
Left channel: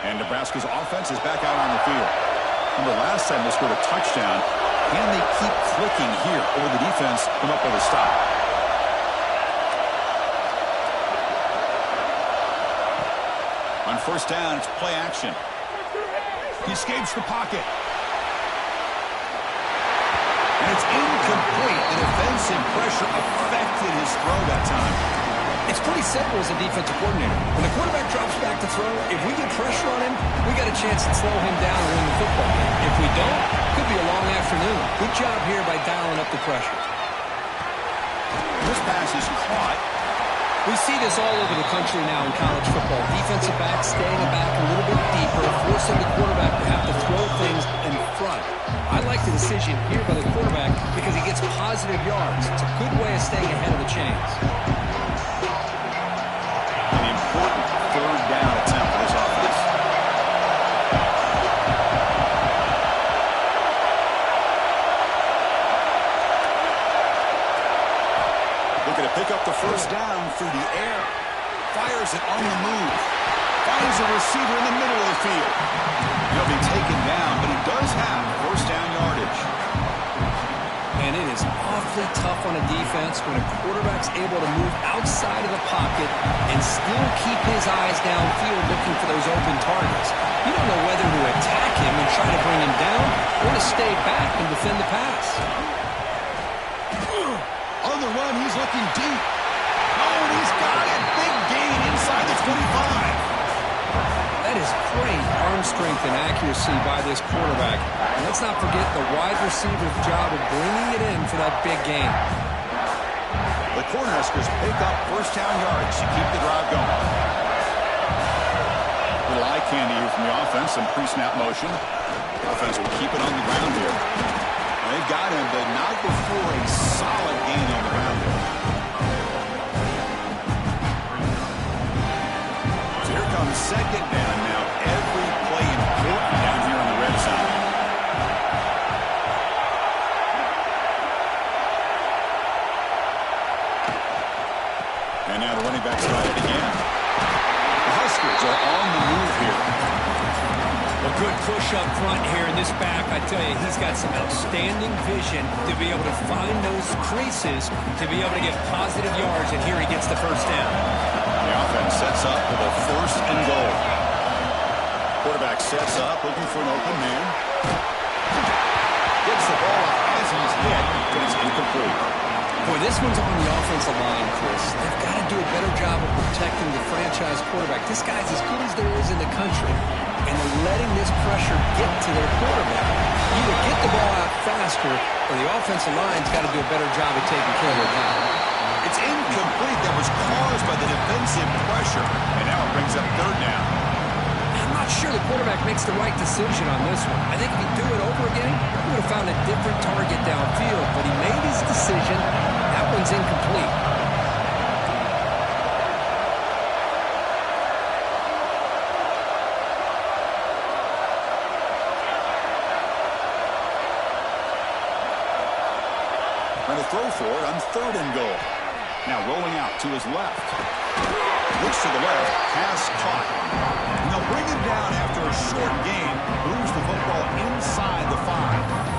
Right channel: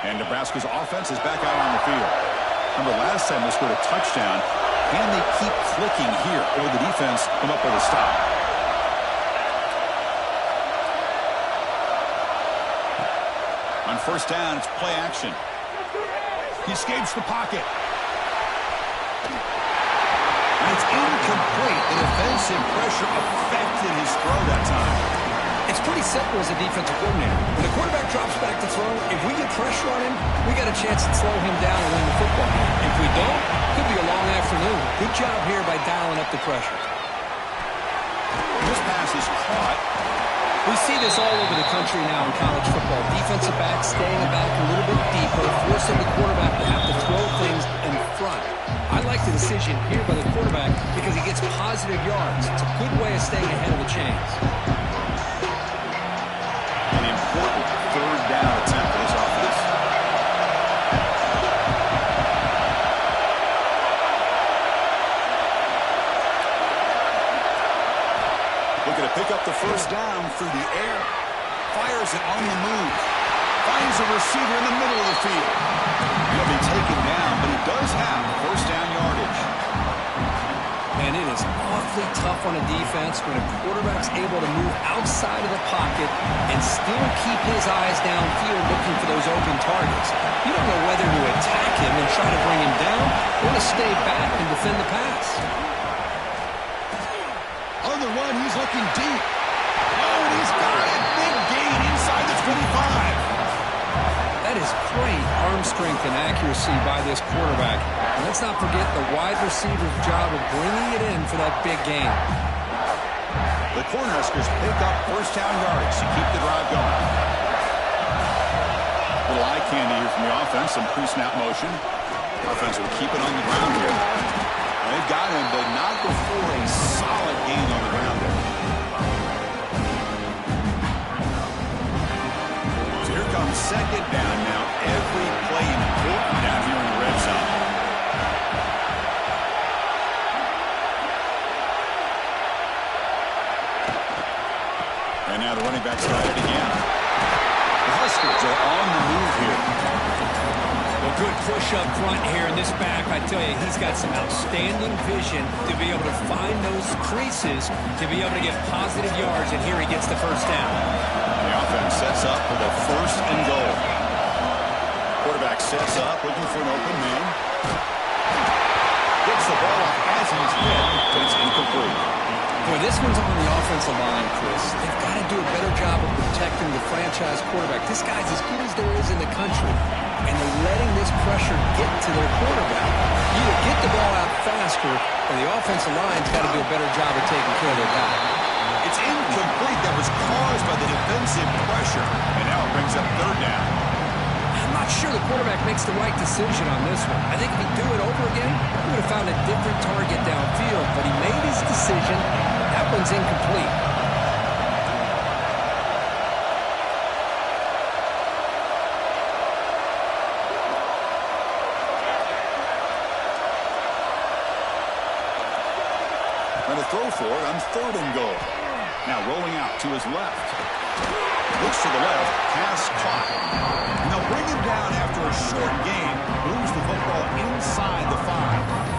And Nebraska's offense is back out on the field. Remember, last time they scored a touchdown. Can they keep clicking here, or the defense come up with a stop? On first down, it's play action. He escapes the pocket. And it's incomplete. The defensive pressure affected his throw that time. It's pretty simple as a defensive coordinator. When the quarterback drops back to throw, if we get pressure on him, we got a chance to slow him down and win the football game. If we don't, could be a long afternoon. Good job here by dialing up the pressure. This pass is caught. We see this all over the country now in college football. Defensive backs staying back a little bit deeper, forcing the quarterback to have to throw things and front. I like the decision here by the quarterback because he gets positive yards. It's a good way of staying ahead of the chains. An important third down attempt for this offense. Looking to pick up the first down through the air. Fires it on the move. Finds a receiver in the middle of the field. He'll be taken down, but he does have first down yardage. And it is awfully tough on a defense when a quarterback's able to move outside of the pocket and still keep his eyes downfield looking for those open targets. You don't know whether to attack him and try to bring him down or to stay back and defend the pass. On the run, he's looking deep. Oh, and he's got it. Big gain inside the 25. That is great arm strength and accuracy by this quarterback. And let's not forget the wide receiver's job of bringing it in for that big gain. The Cornhuskers pick up first down yardage to keep the drive going. Little eye candy here from the offense, some pre-snap motion. Offense will keep it on the ground here. They've got him, but not before a solid gain on the ground there. So here comes second down now. Every play important down here in the red zone. And now the running back's got it again. The Huskers are on the move here. Well, good push up front here in this back. I tell you, he's got some outstanding vision to be able to find those creases, to be able to get positive yards, and here he gets the first down. The offense sets up for the first and goal. Quarterback sets up, looking for an open man. Gets the ball off as he's hit, but it's incomplete. Boy, this one's on the offensive line, Chris. They've got to do a better job of protecting the franchise quarterback. This guy's as good as there is in the country, and they're letting this pressure get to their quarterback. Either get the ball out faster, or the offensive line's got to do a better job of taking care of their guy. It's incomplete. That was caused by the defensive pressure, and now it brings up third down. I'm not sure the quarterback makes the right decision on this one. I think if he'd do it over again, he would have found a different target downfield, but he made his decision. That one's incomplete. Trying to throw for it on third and goal. Now rolling out to his left. Looks to the left. Pass caught. And they'll bring him down after a short gain. Moves the football inside the 5.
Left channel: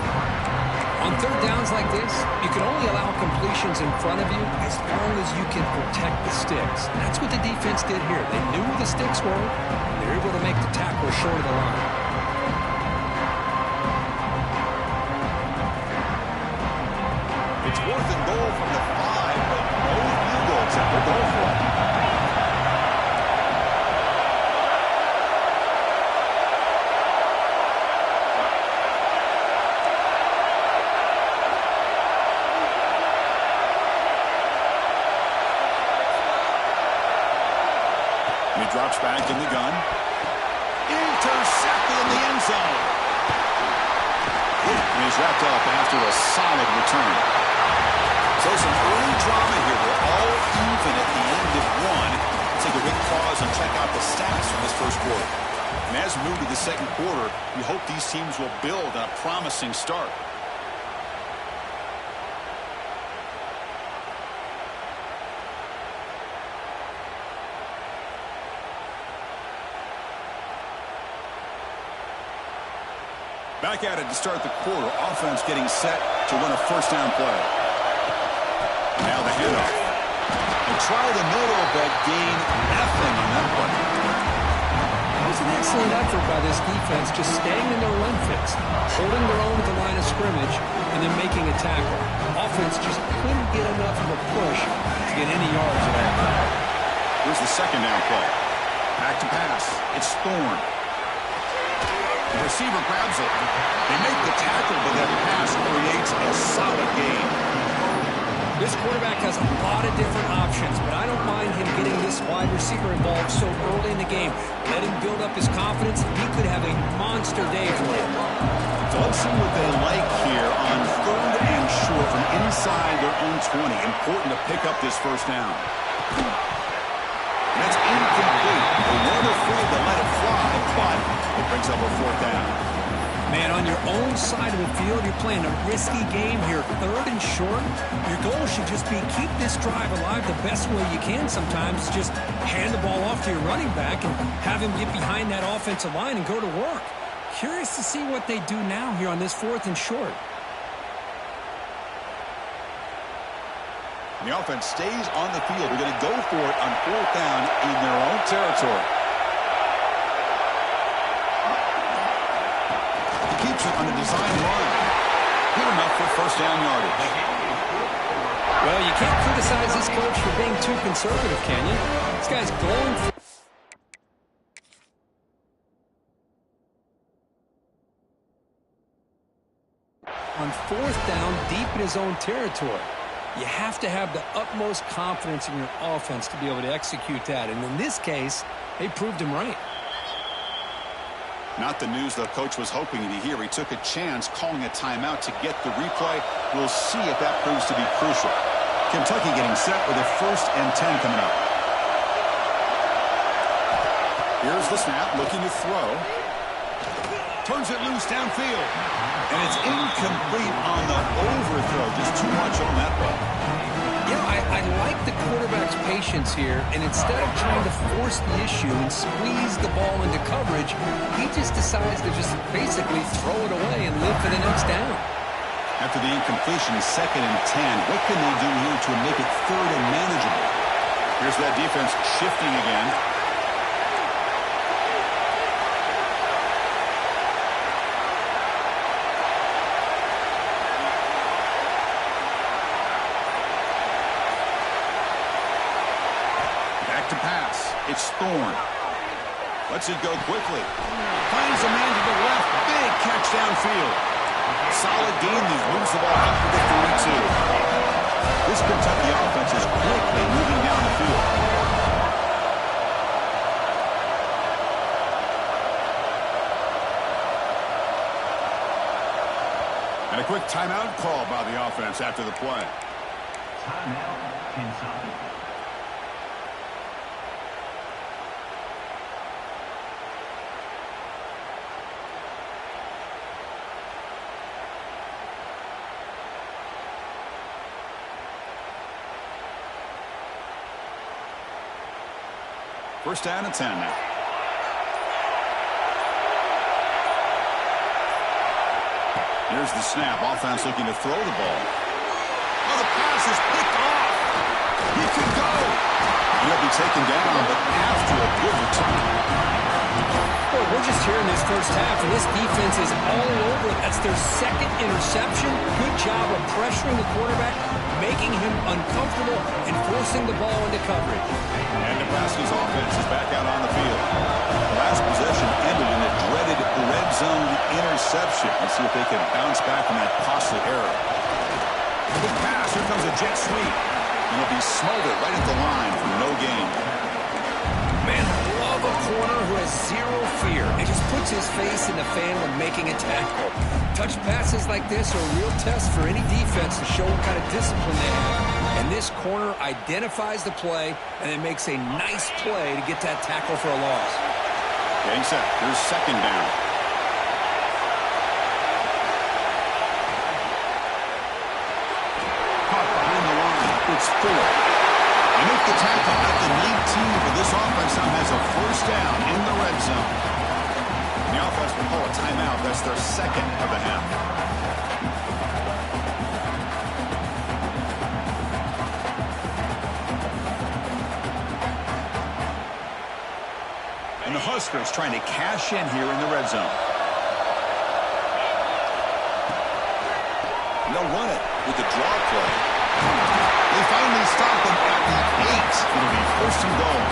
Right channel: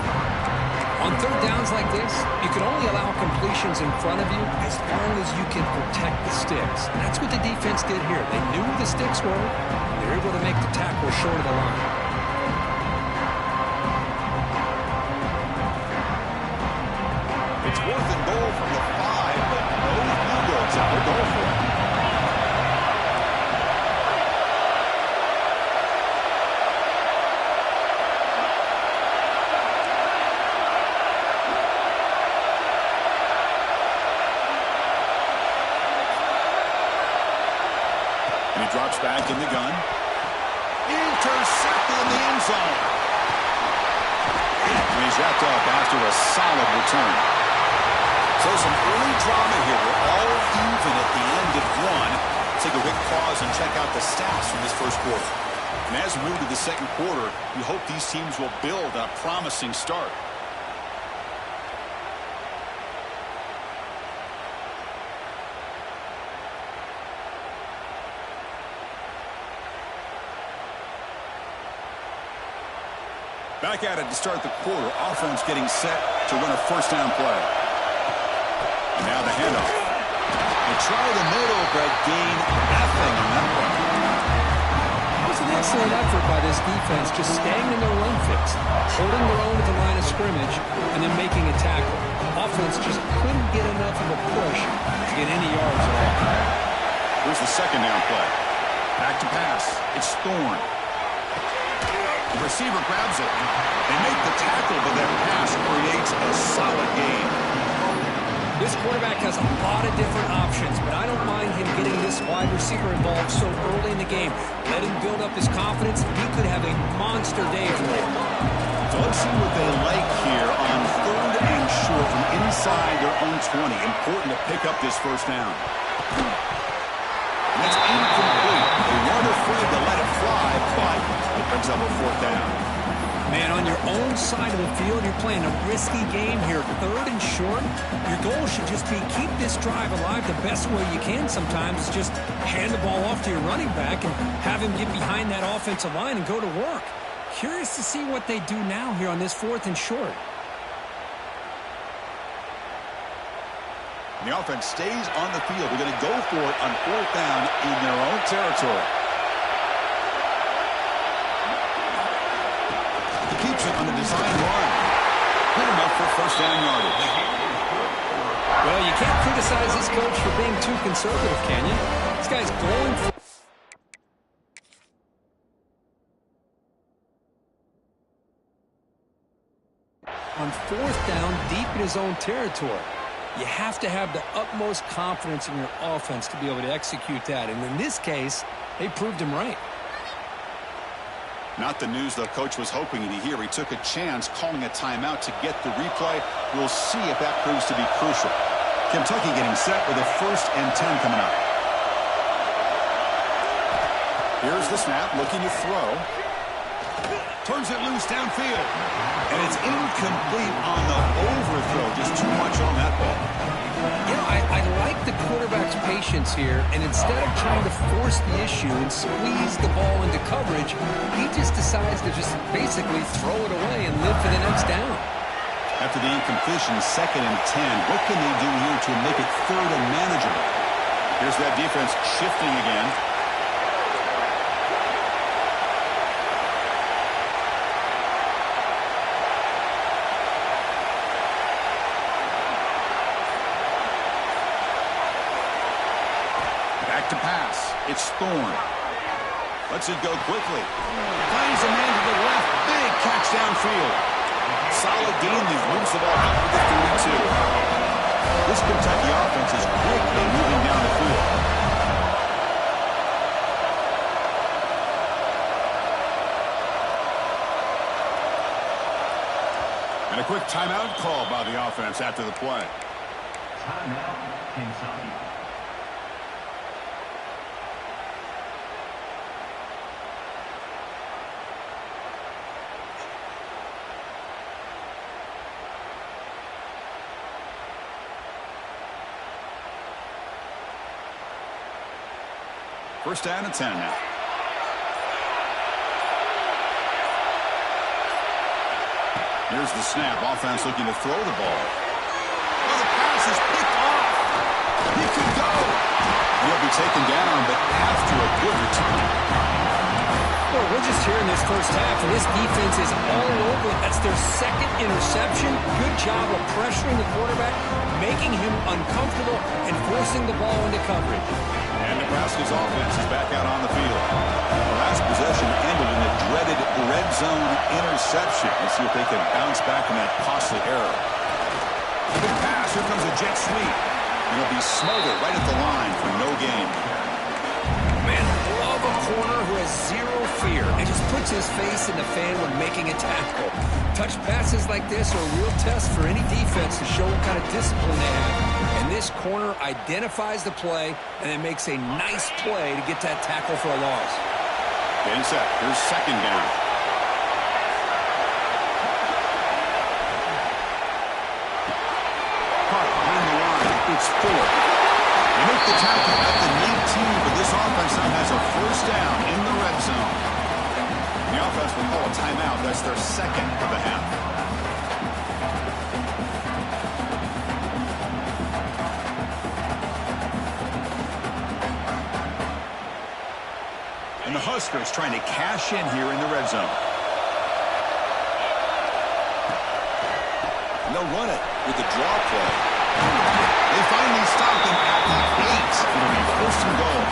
On third downs like this, you can only allow completions in front of you as long as you can protect the sticks. And that's what the defense did here. They knew where the sticks were, and they were able to make the tackle short of the line. It's 4th and goal from the 5, but no field goal attempt. They're going for it. And he drops back in the gun. Intercepted in the end zone. And he's wrapped up after a solid return. So some early drama here. We're all even at the end of one. Let's take a quick pause and check out the stats from this first quarter. And as we move to the second quarter, we hope these teams will build on a promising start. Back at it to start the quarter. Offense getting set to run a first down play. Now the handoff. They try the middle, but gain nothing on that one. That was an excellent effort by this defense, just staying in their run fits, holding their own at the line of scrimmage, and then making a tackle. Offense just couldn't get enough of a push to get any yards at all. Here's the second down play. Back to pass. It's Thorne. The receiver grabs it. They make the tackle, but that pass creates a solid gain. This quarterback has a lot of different options, but I don't mind him getting this wide receiver involved so early in the game. Let him build up his confidence. He could have a monster day for him. So let's see what they like here on 3rd and short from inside their own 20. Important to pick up this first down. And that's incomplete. They weren't afraid to let it fly, but it brings up a 4th down. Man, on your own side of the field, you're playing a risky game here. 3rd and short, your goal should just be keep this drive alive the best way you can sometimes. Just hand the ball off to your running back and have him get behind that offensive line and go to work. Curious to see what they do now here on this 4th and short. And the offense stays on the field. They're going to go for it on 4th down in their own territory. He keeps it on the design run. Good enough for 1st down yardage. Well, you can't criticize this coach for being too conservative, can you? This guy's going for... on 4th down, deep in his own territory. You have to have the utmost confidence in your offense to be able to execute that. And in this case, they proved him right. Not the news the coach was hoping to hear. He took a chance calling a timeout to get the replay. We'll see if that proves to be crucial. Kentucky getting set with a 1st and 10 coming up. Here's the snap, looking to throw. Turns it loose downfield. And it's incomplete on the overthrow. Just too much on that ball. You know, I like the quarterback's patience here, and instead of trying to force the issue and squeeze the ball into coverage, he just decides to just basically throw it away and live for the next down. After the incompletion, 2nd and 10. What can they do here to make it 3rd and manageable? Here's that defense shifting again. Back to pass. It's Thorne. Lets it go quickly. Finds a man to the left. Big catch downfield. Solid gain. He moves the ball out to the 32. This Kentucky offense is quickly moving down the field. And a quick timeout call by the offense after the play. Timeout, Kentucky. First down and 10 now. Here's the snap. Offense looking to throw the ball. Oh, the pass is picked off. He could go. And he'll be taken down, but after a good return. Boy, we're just here in this first half, and this defense is all over. That's their 2nd interception. Good job of pressuring the quarterback, making him uncomfortable, and forcing the ball into coverage. And Nebraska's offense is back out on the field. The last possession ended in a dreaded red zone interception. Let's see if they can bounce back from that costly error. Good pass. Here comes a jet sweep. And he'll be smothered right at the line for no gain. Man, I love a corner who has zero fear and just puts his face in the fan when making a tackle. Touch passes like this are a real test for any defense to show what kind of discipline they have. And this corner identifies the play and then makes a nice play to get that tackle for a loss. Getting set. Here's 2nd down. Caught behind the line. It's Fuller. They make the tackle at the 19, but this offense now has a 1st down in the red zone. The offense will call a timeout. That's their 2nd of the half. And the Huskers trying to cash in here in the red zone. And they'll run it with the draw play. They finally stop him at the 8. It'll be 1st and goal.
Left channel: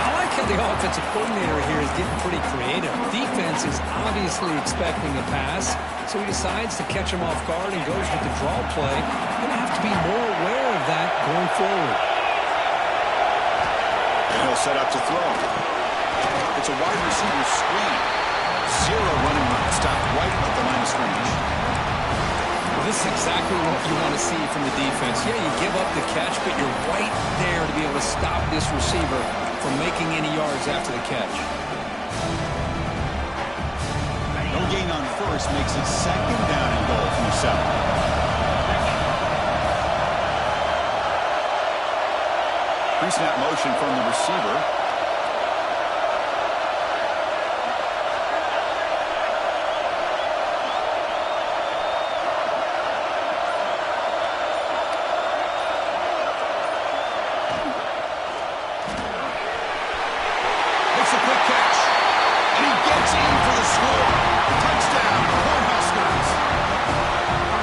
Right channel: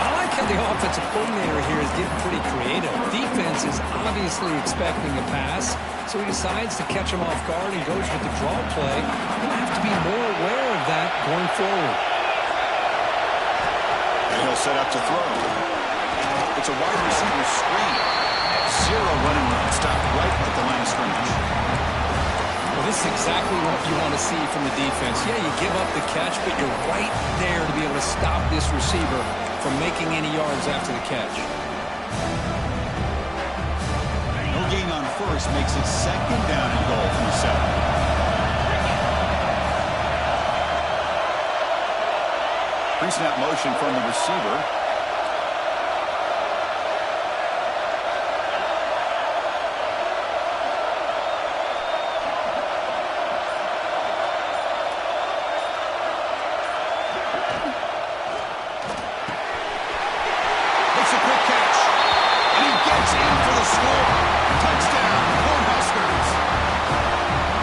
I like how the offensive coordinator here is getting pretty creative. Defense is obviously expecting a pass, so he decides to catch him off guard and goes with the draw play. Going to have to be more aware of that going forward. And he'll set up to throw. It's a wide receiver screen. Zero running room. Stopped right at the line of scrimmage. This is exactly what you want to see from the defense. Yeah, you give up the catch, but you're right there to be able to stop this receiver from making any yards after the catch. No gain on first makes it second down and goal from the 7. Pre-snap motion from the receiver. Makes a quick catch. And he gets in for the score. Touchdown, Cornhuskers.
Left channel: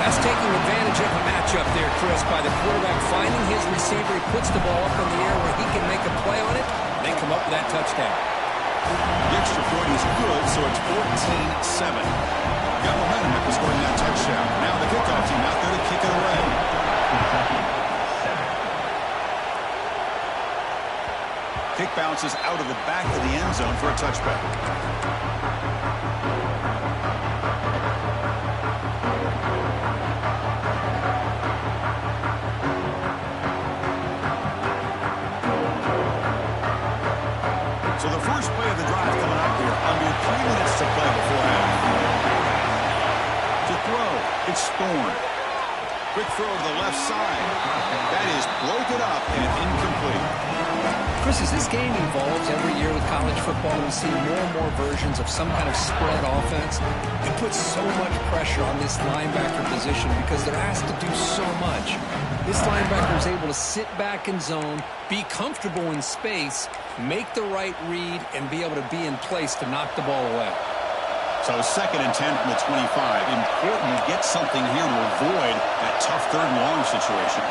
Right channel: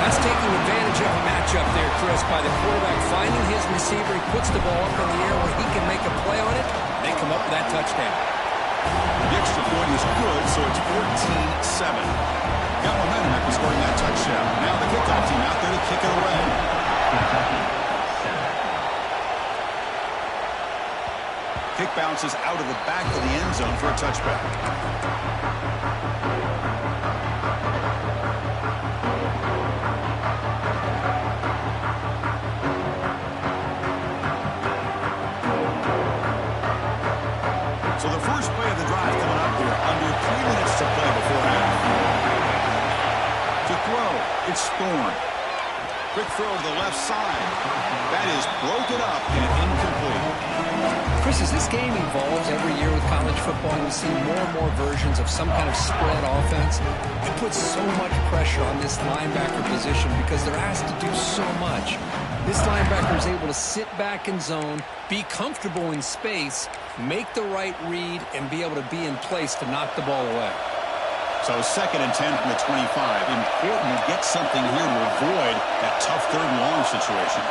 That's taking advantage of a matchup there, Chris, by the quarterback finding his receiver. He puts the ball up in the air where he can make a play on it. They come up with that touchdown. The extra point is good, so it's 14-7. Got momentum after scoring that touchdown. Now the kickoff team out there to kick it away. Kick bounces out of the back of the end zone for a touchback. So the first play of the drive coming up here. Under 3 minutes to play before half. To throw, it's Thorne. Quick throw to the left side. That is broken up and incomplete. Chris, as this game evolves every year with college football, we see more and more versions of some kind of spread offense. It puts so much pressure on this linebacker position because they're asked to do so much. This linebacker is able to sit back in zone, be comfortable in space, make the right read, and be able to be in place to knock the ball away. So 2nd and 10 from the 25. Important to get something here to avoid that tough 3rd and long situation.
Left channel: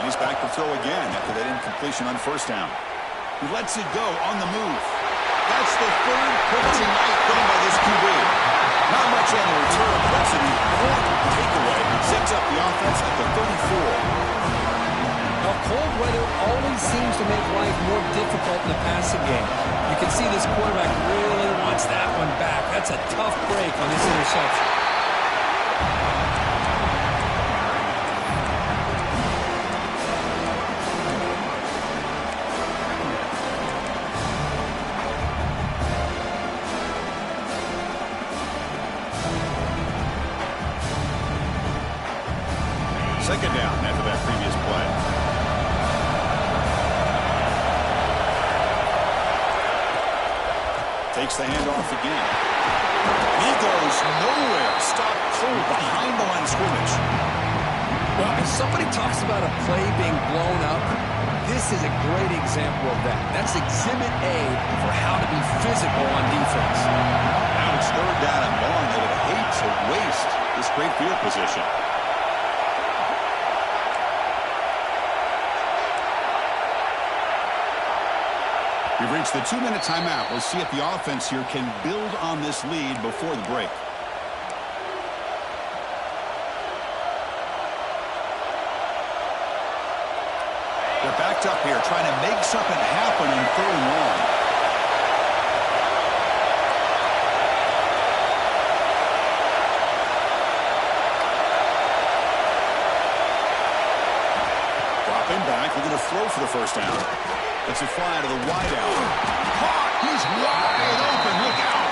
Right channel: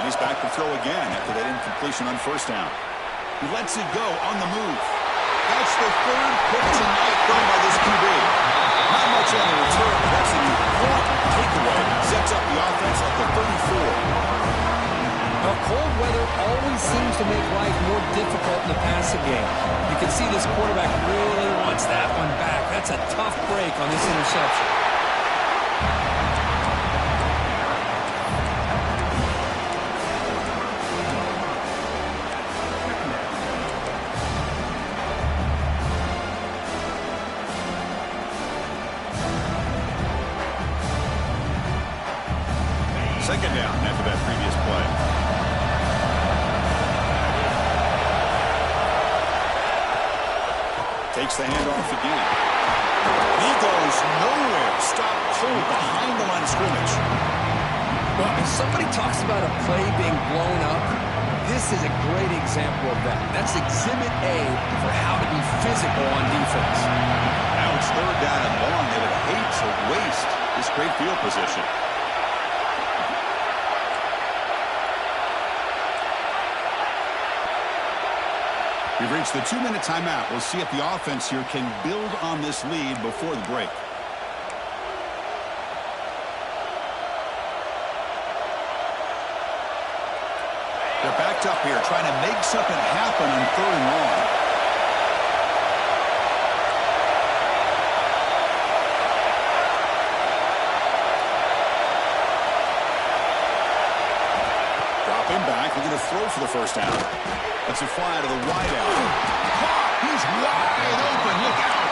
And he's back to throw again after that incompletion on first down. He lets it go on the move. That's the 3rd pick tonight thrown by this QB. Not much on the return, but that's an important takeaway. Sets up the offense at the 34. Now, cold weather always seems to make life more difficult in the passing game. You can see this quarterback really wants that one back. That's a tough break on this interception. Second down after that previous play. Takes the handoff again. He goes nowhere. Stop cold behind the line of scrimmage. Well, if somebody talks about a play being blown up, this is a great example of that. That's exhibit A for how to be physical on defense. Now it's 3rd down and long. They would hate to waste this great field position. We've reached the 2-minute timeout. We'll see if the offense here can build on this lead before the break. They're backed up here trying to make something happen on 3rd and long. Dropping back, looking to throw for the first down. That's a fly to the wideout. Caught! He's wide open. Look out!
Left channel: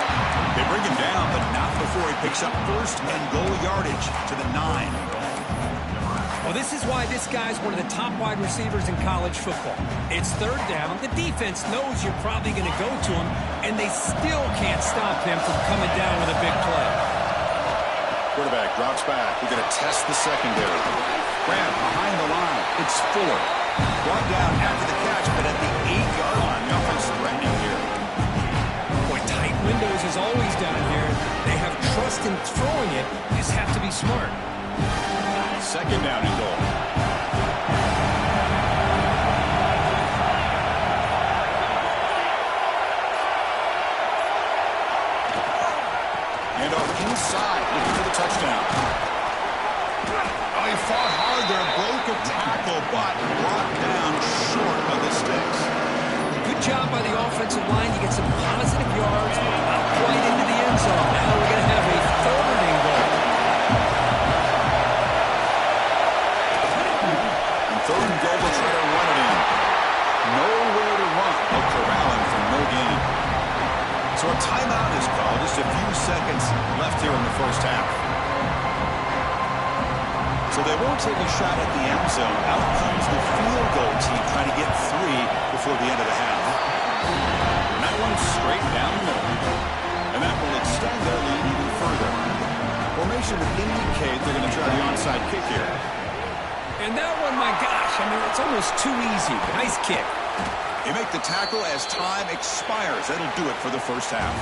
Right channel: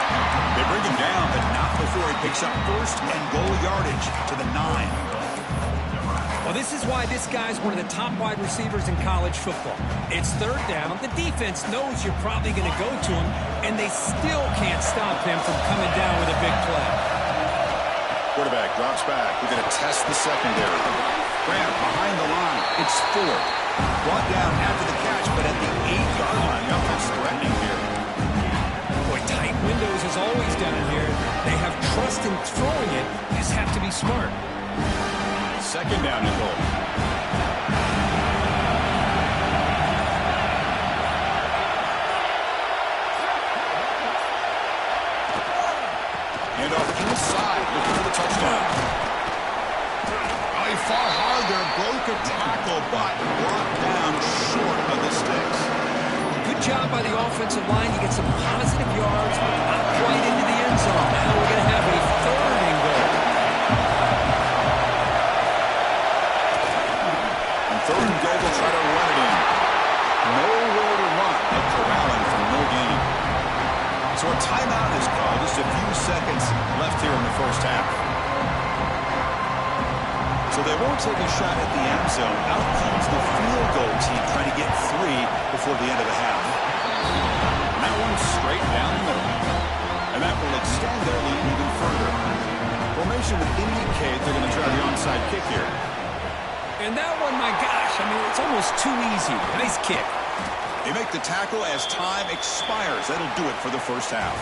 They bring him down, but not before he picks up 1st and goal yardage to the 9. Well, this is why this guy's one of the top wide receivers in college football. It's 3rd down. The defense knows you're probably going to go to him, and they still can't stop him from coming down with a big play. Quarterback drops back. We're going to test the secondary. Grant behind the line. It's Fuller. Brought down after the catch, but at the 8-yard line, the offense threatening here. Boy, tight windows is always down here. They have trust in throwing it. You just have to be smart. 2nd down and goal. Hand off inside, looking for the touchdown. Oh, he fought hard there, broke a tackle, but brought down short of the sticks. Good job by the offensive line. You get some positive yards, but not quite into the end zone. Now we're going to have a 3rd and goal. here in the first half. So they won't take a shot at the end zone. Out comes the field goal team trying to get 3 before the end of the half. And that one's straight down the middle. And that will extend their lead even further. Formation would indicate they're going to try the onside kick here. And that one, my gosh, I mean, it's almost too easy. Nice kick. They make the tackle as time expires. That'll do it for the first half.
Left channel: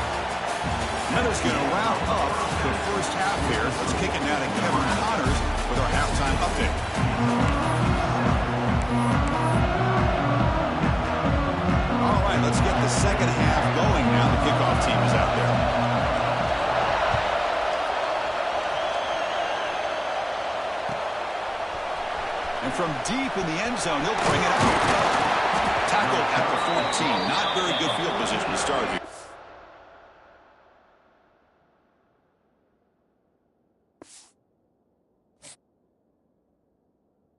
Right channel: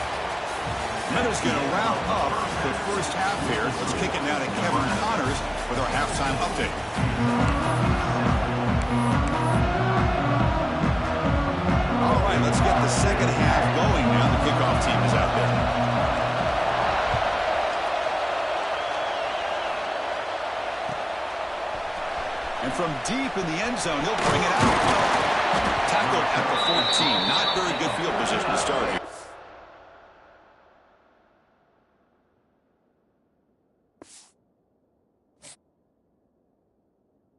Meta's going to wrap up the first half here. Let's kick it now to Kevin Connors with our halftime update. All right, let's get the second half going now. The kickoff team is out there. And from deep in the end zone, he'll bring it out. Tackled at the 14. Not very good field position to start here.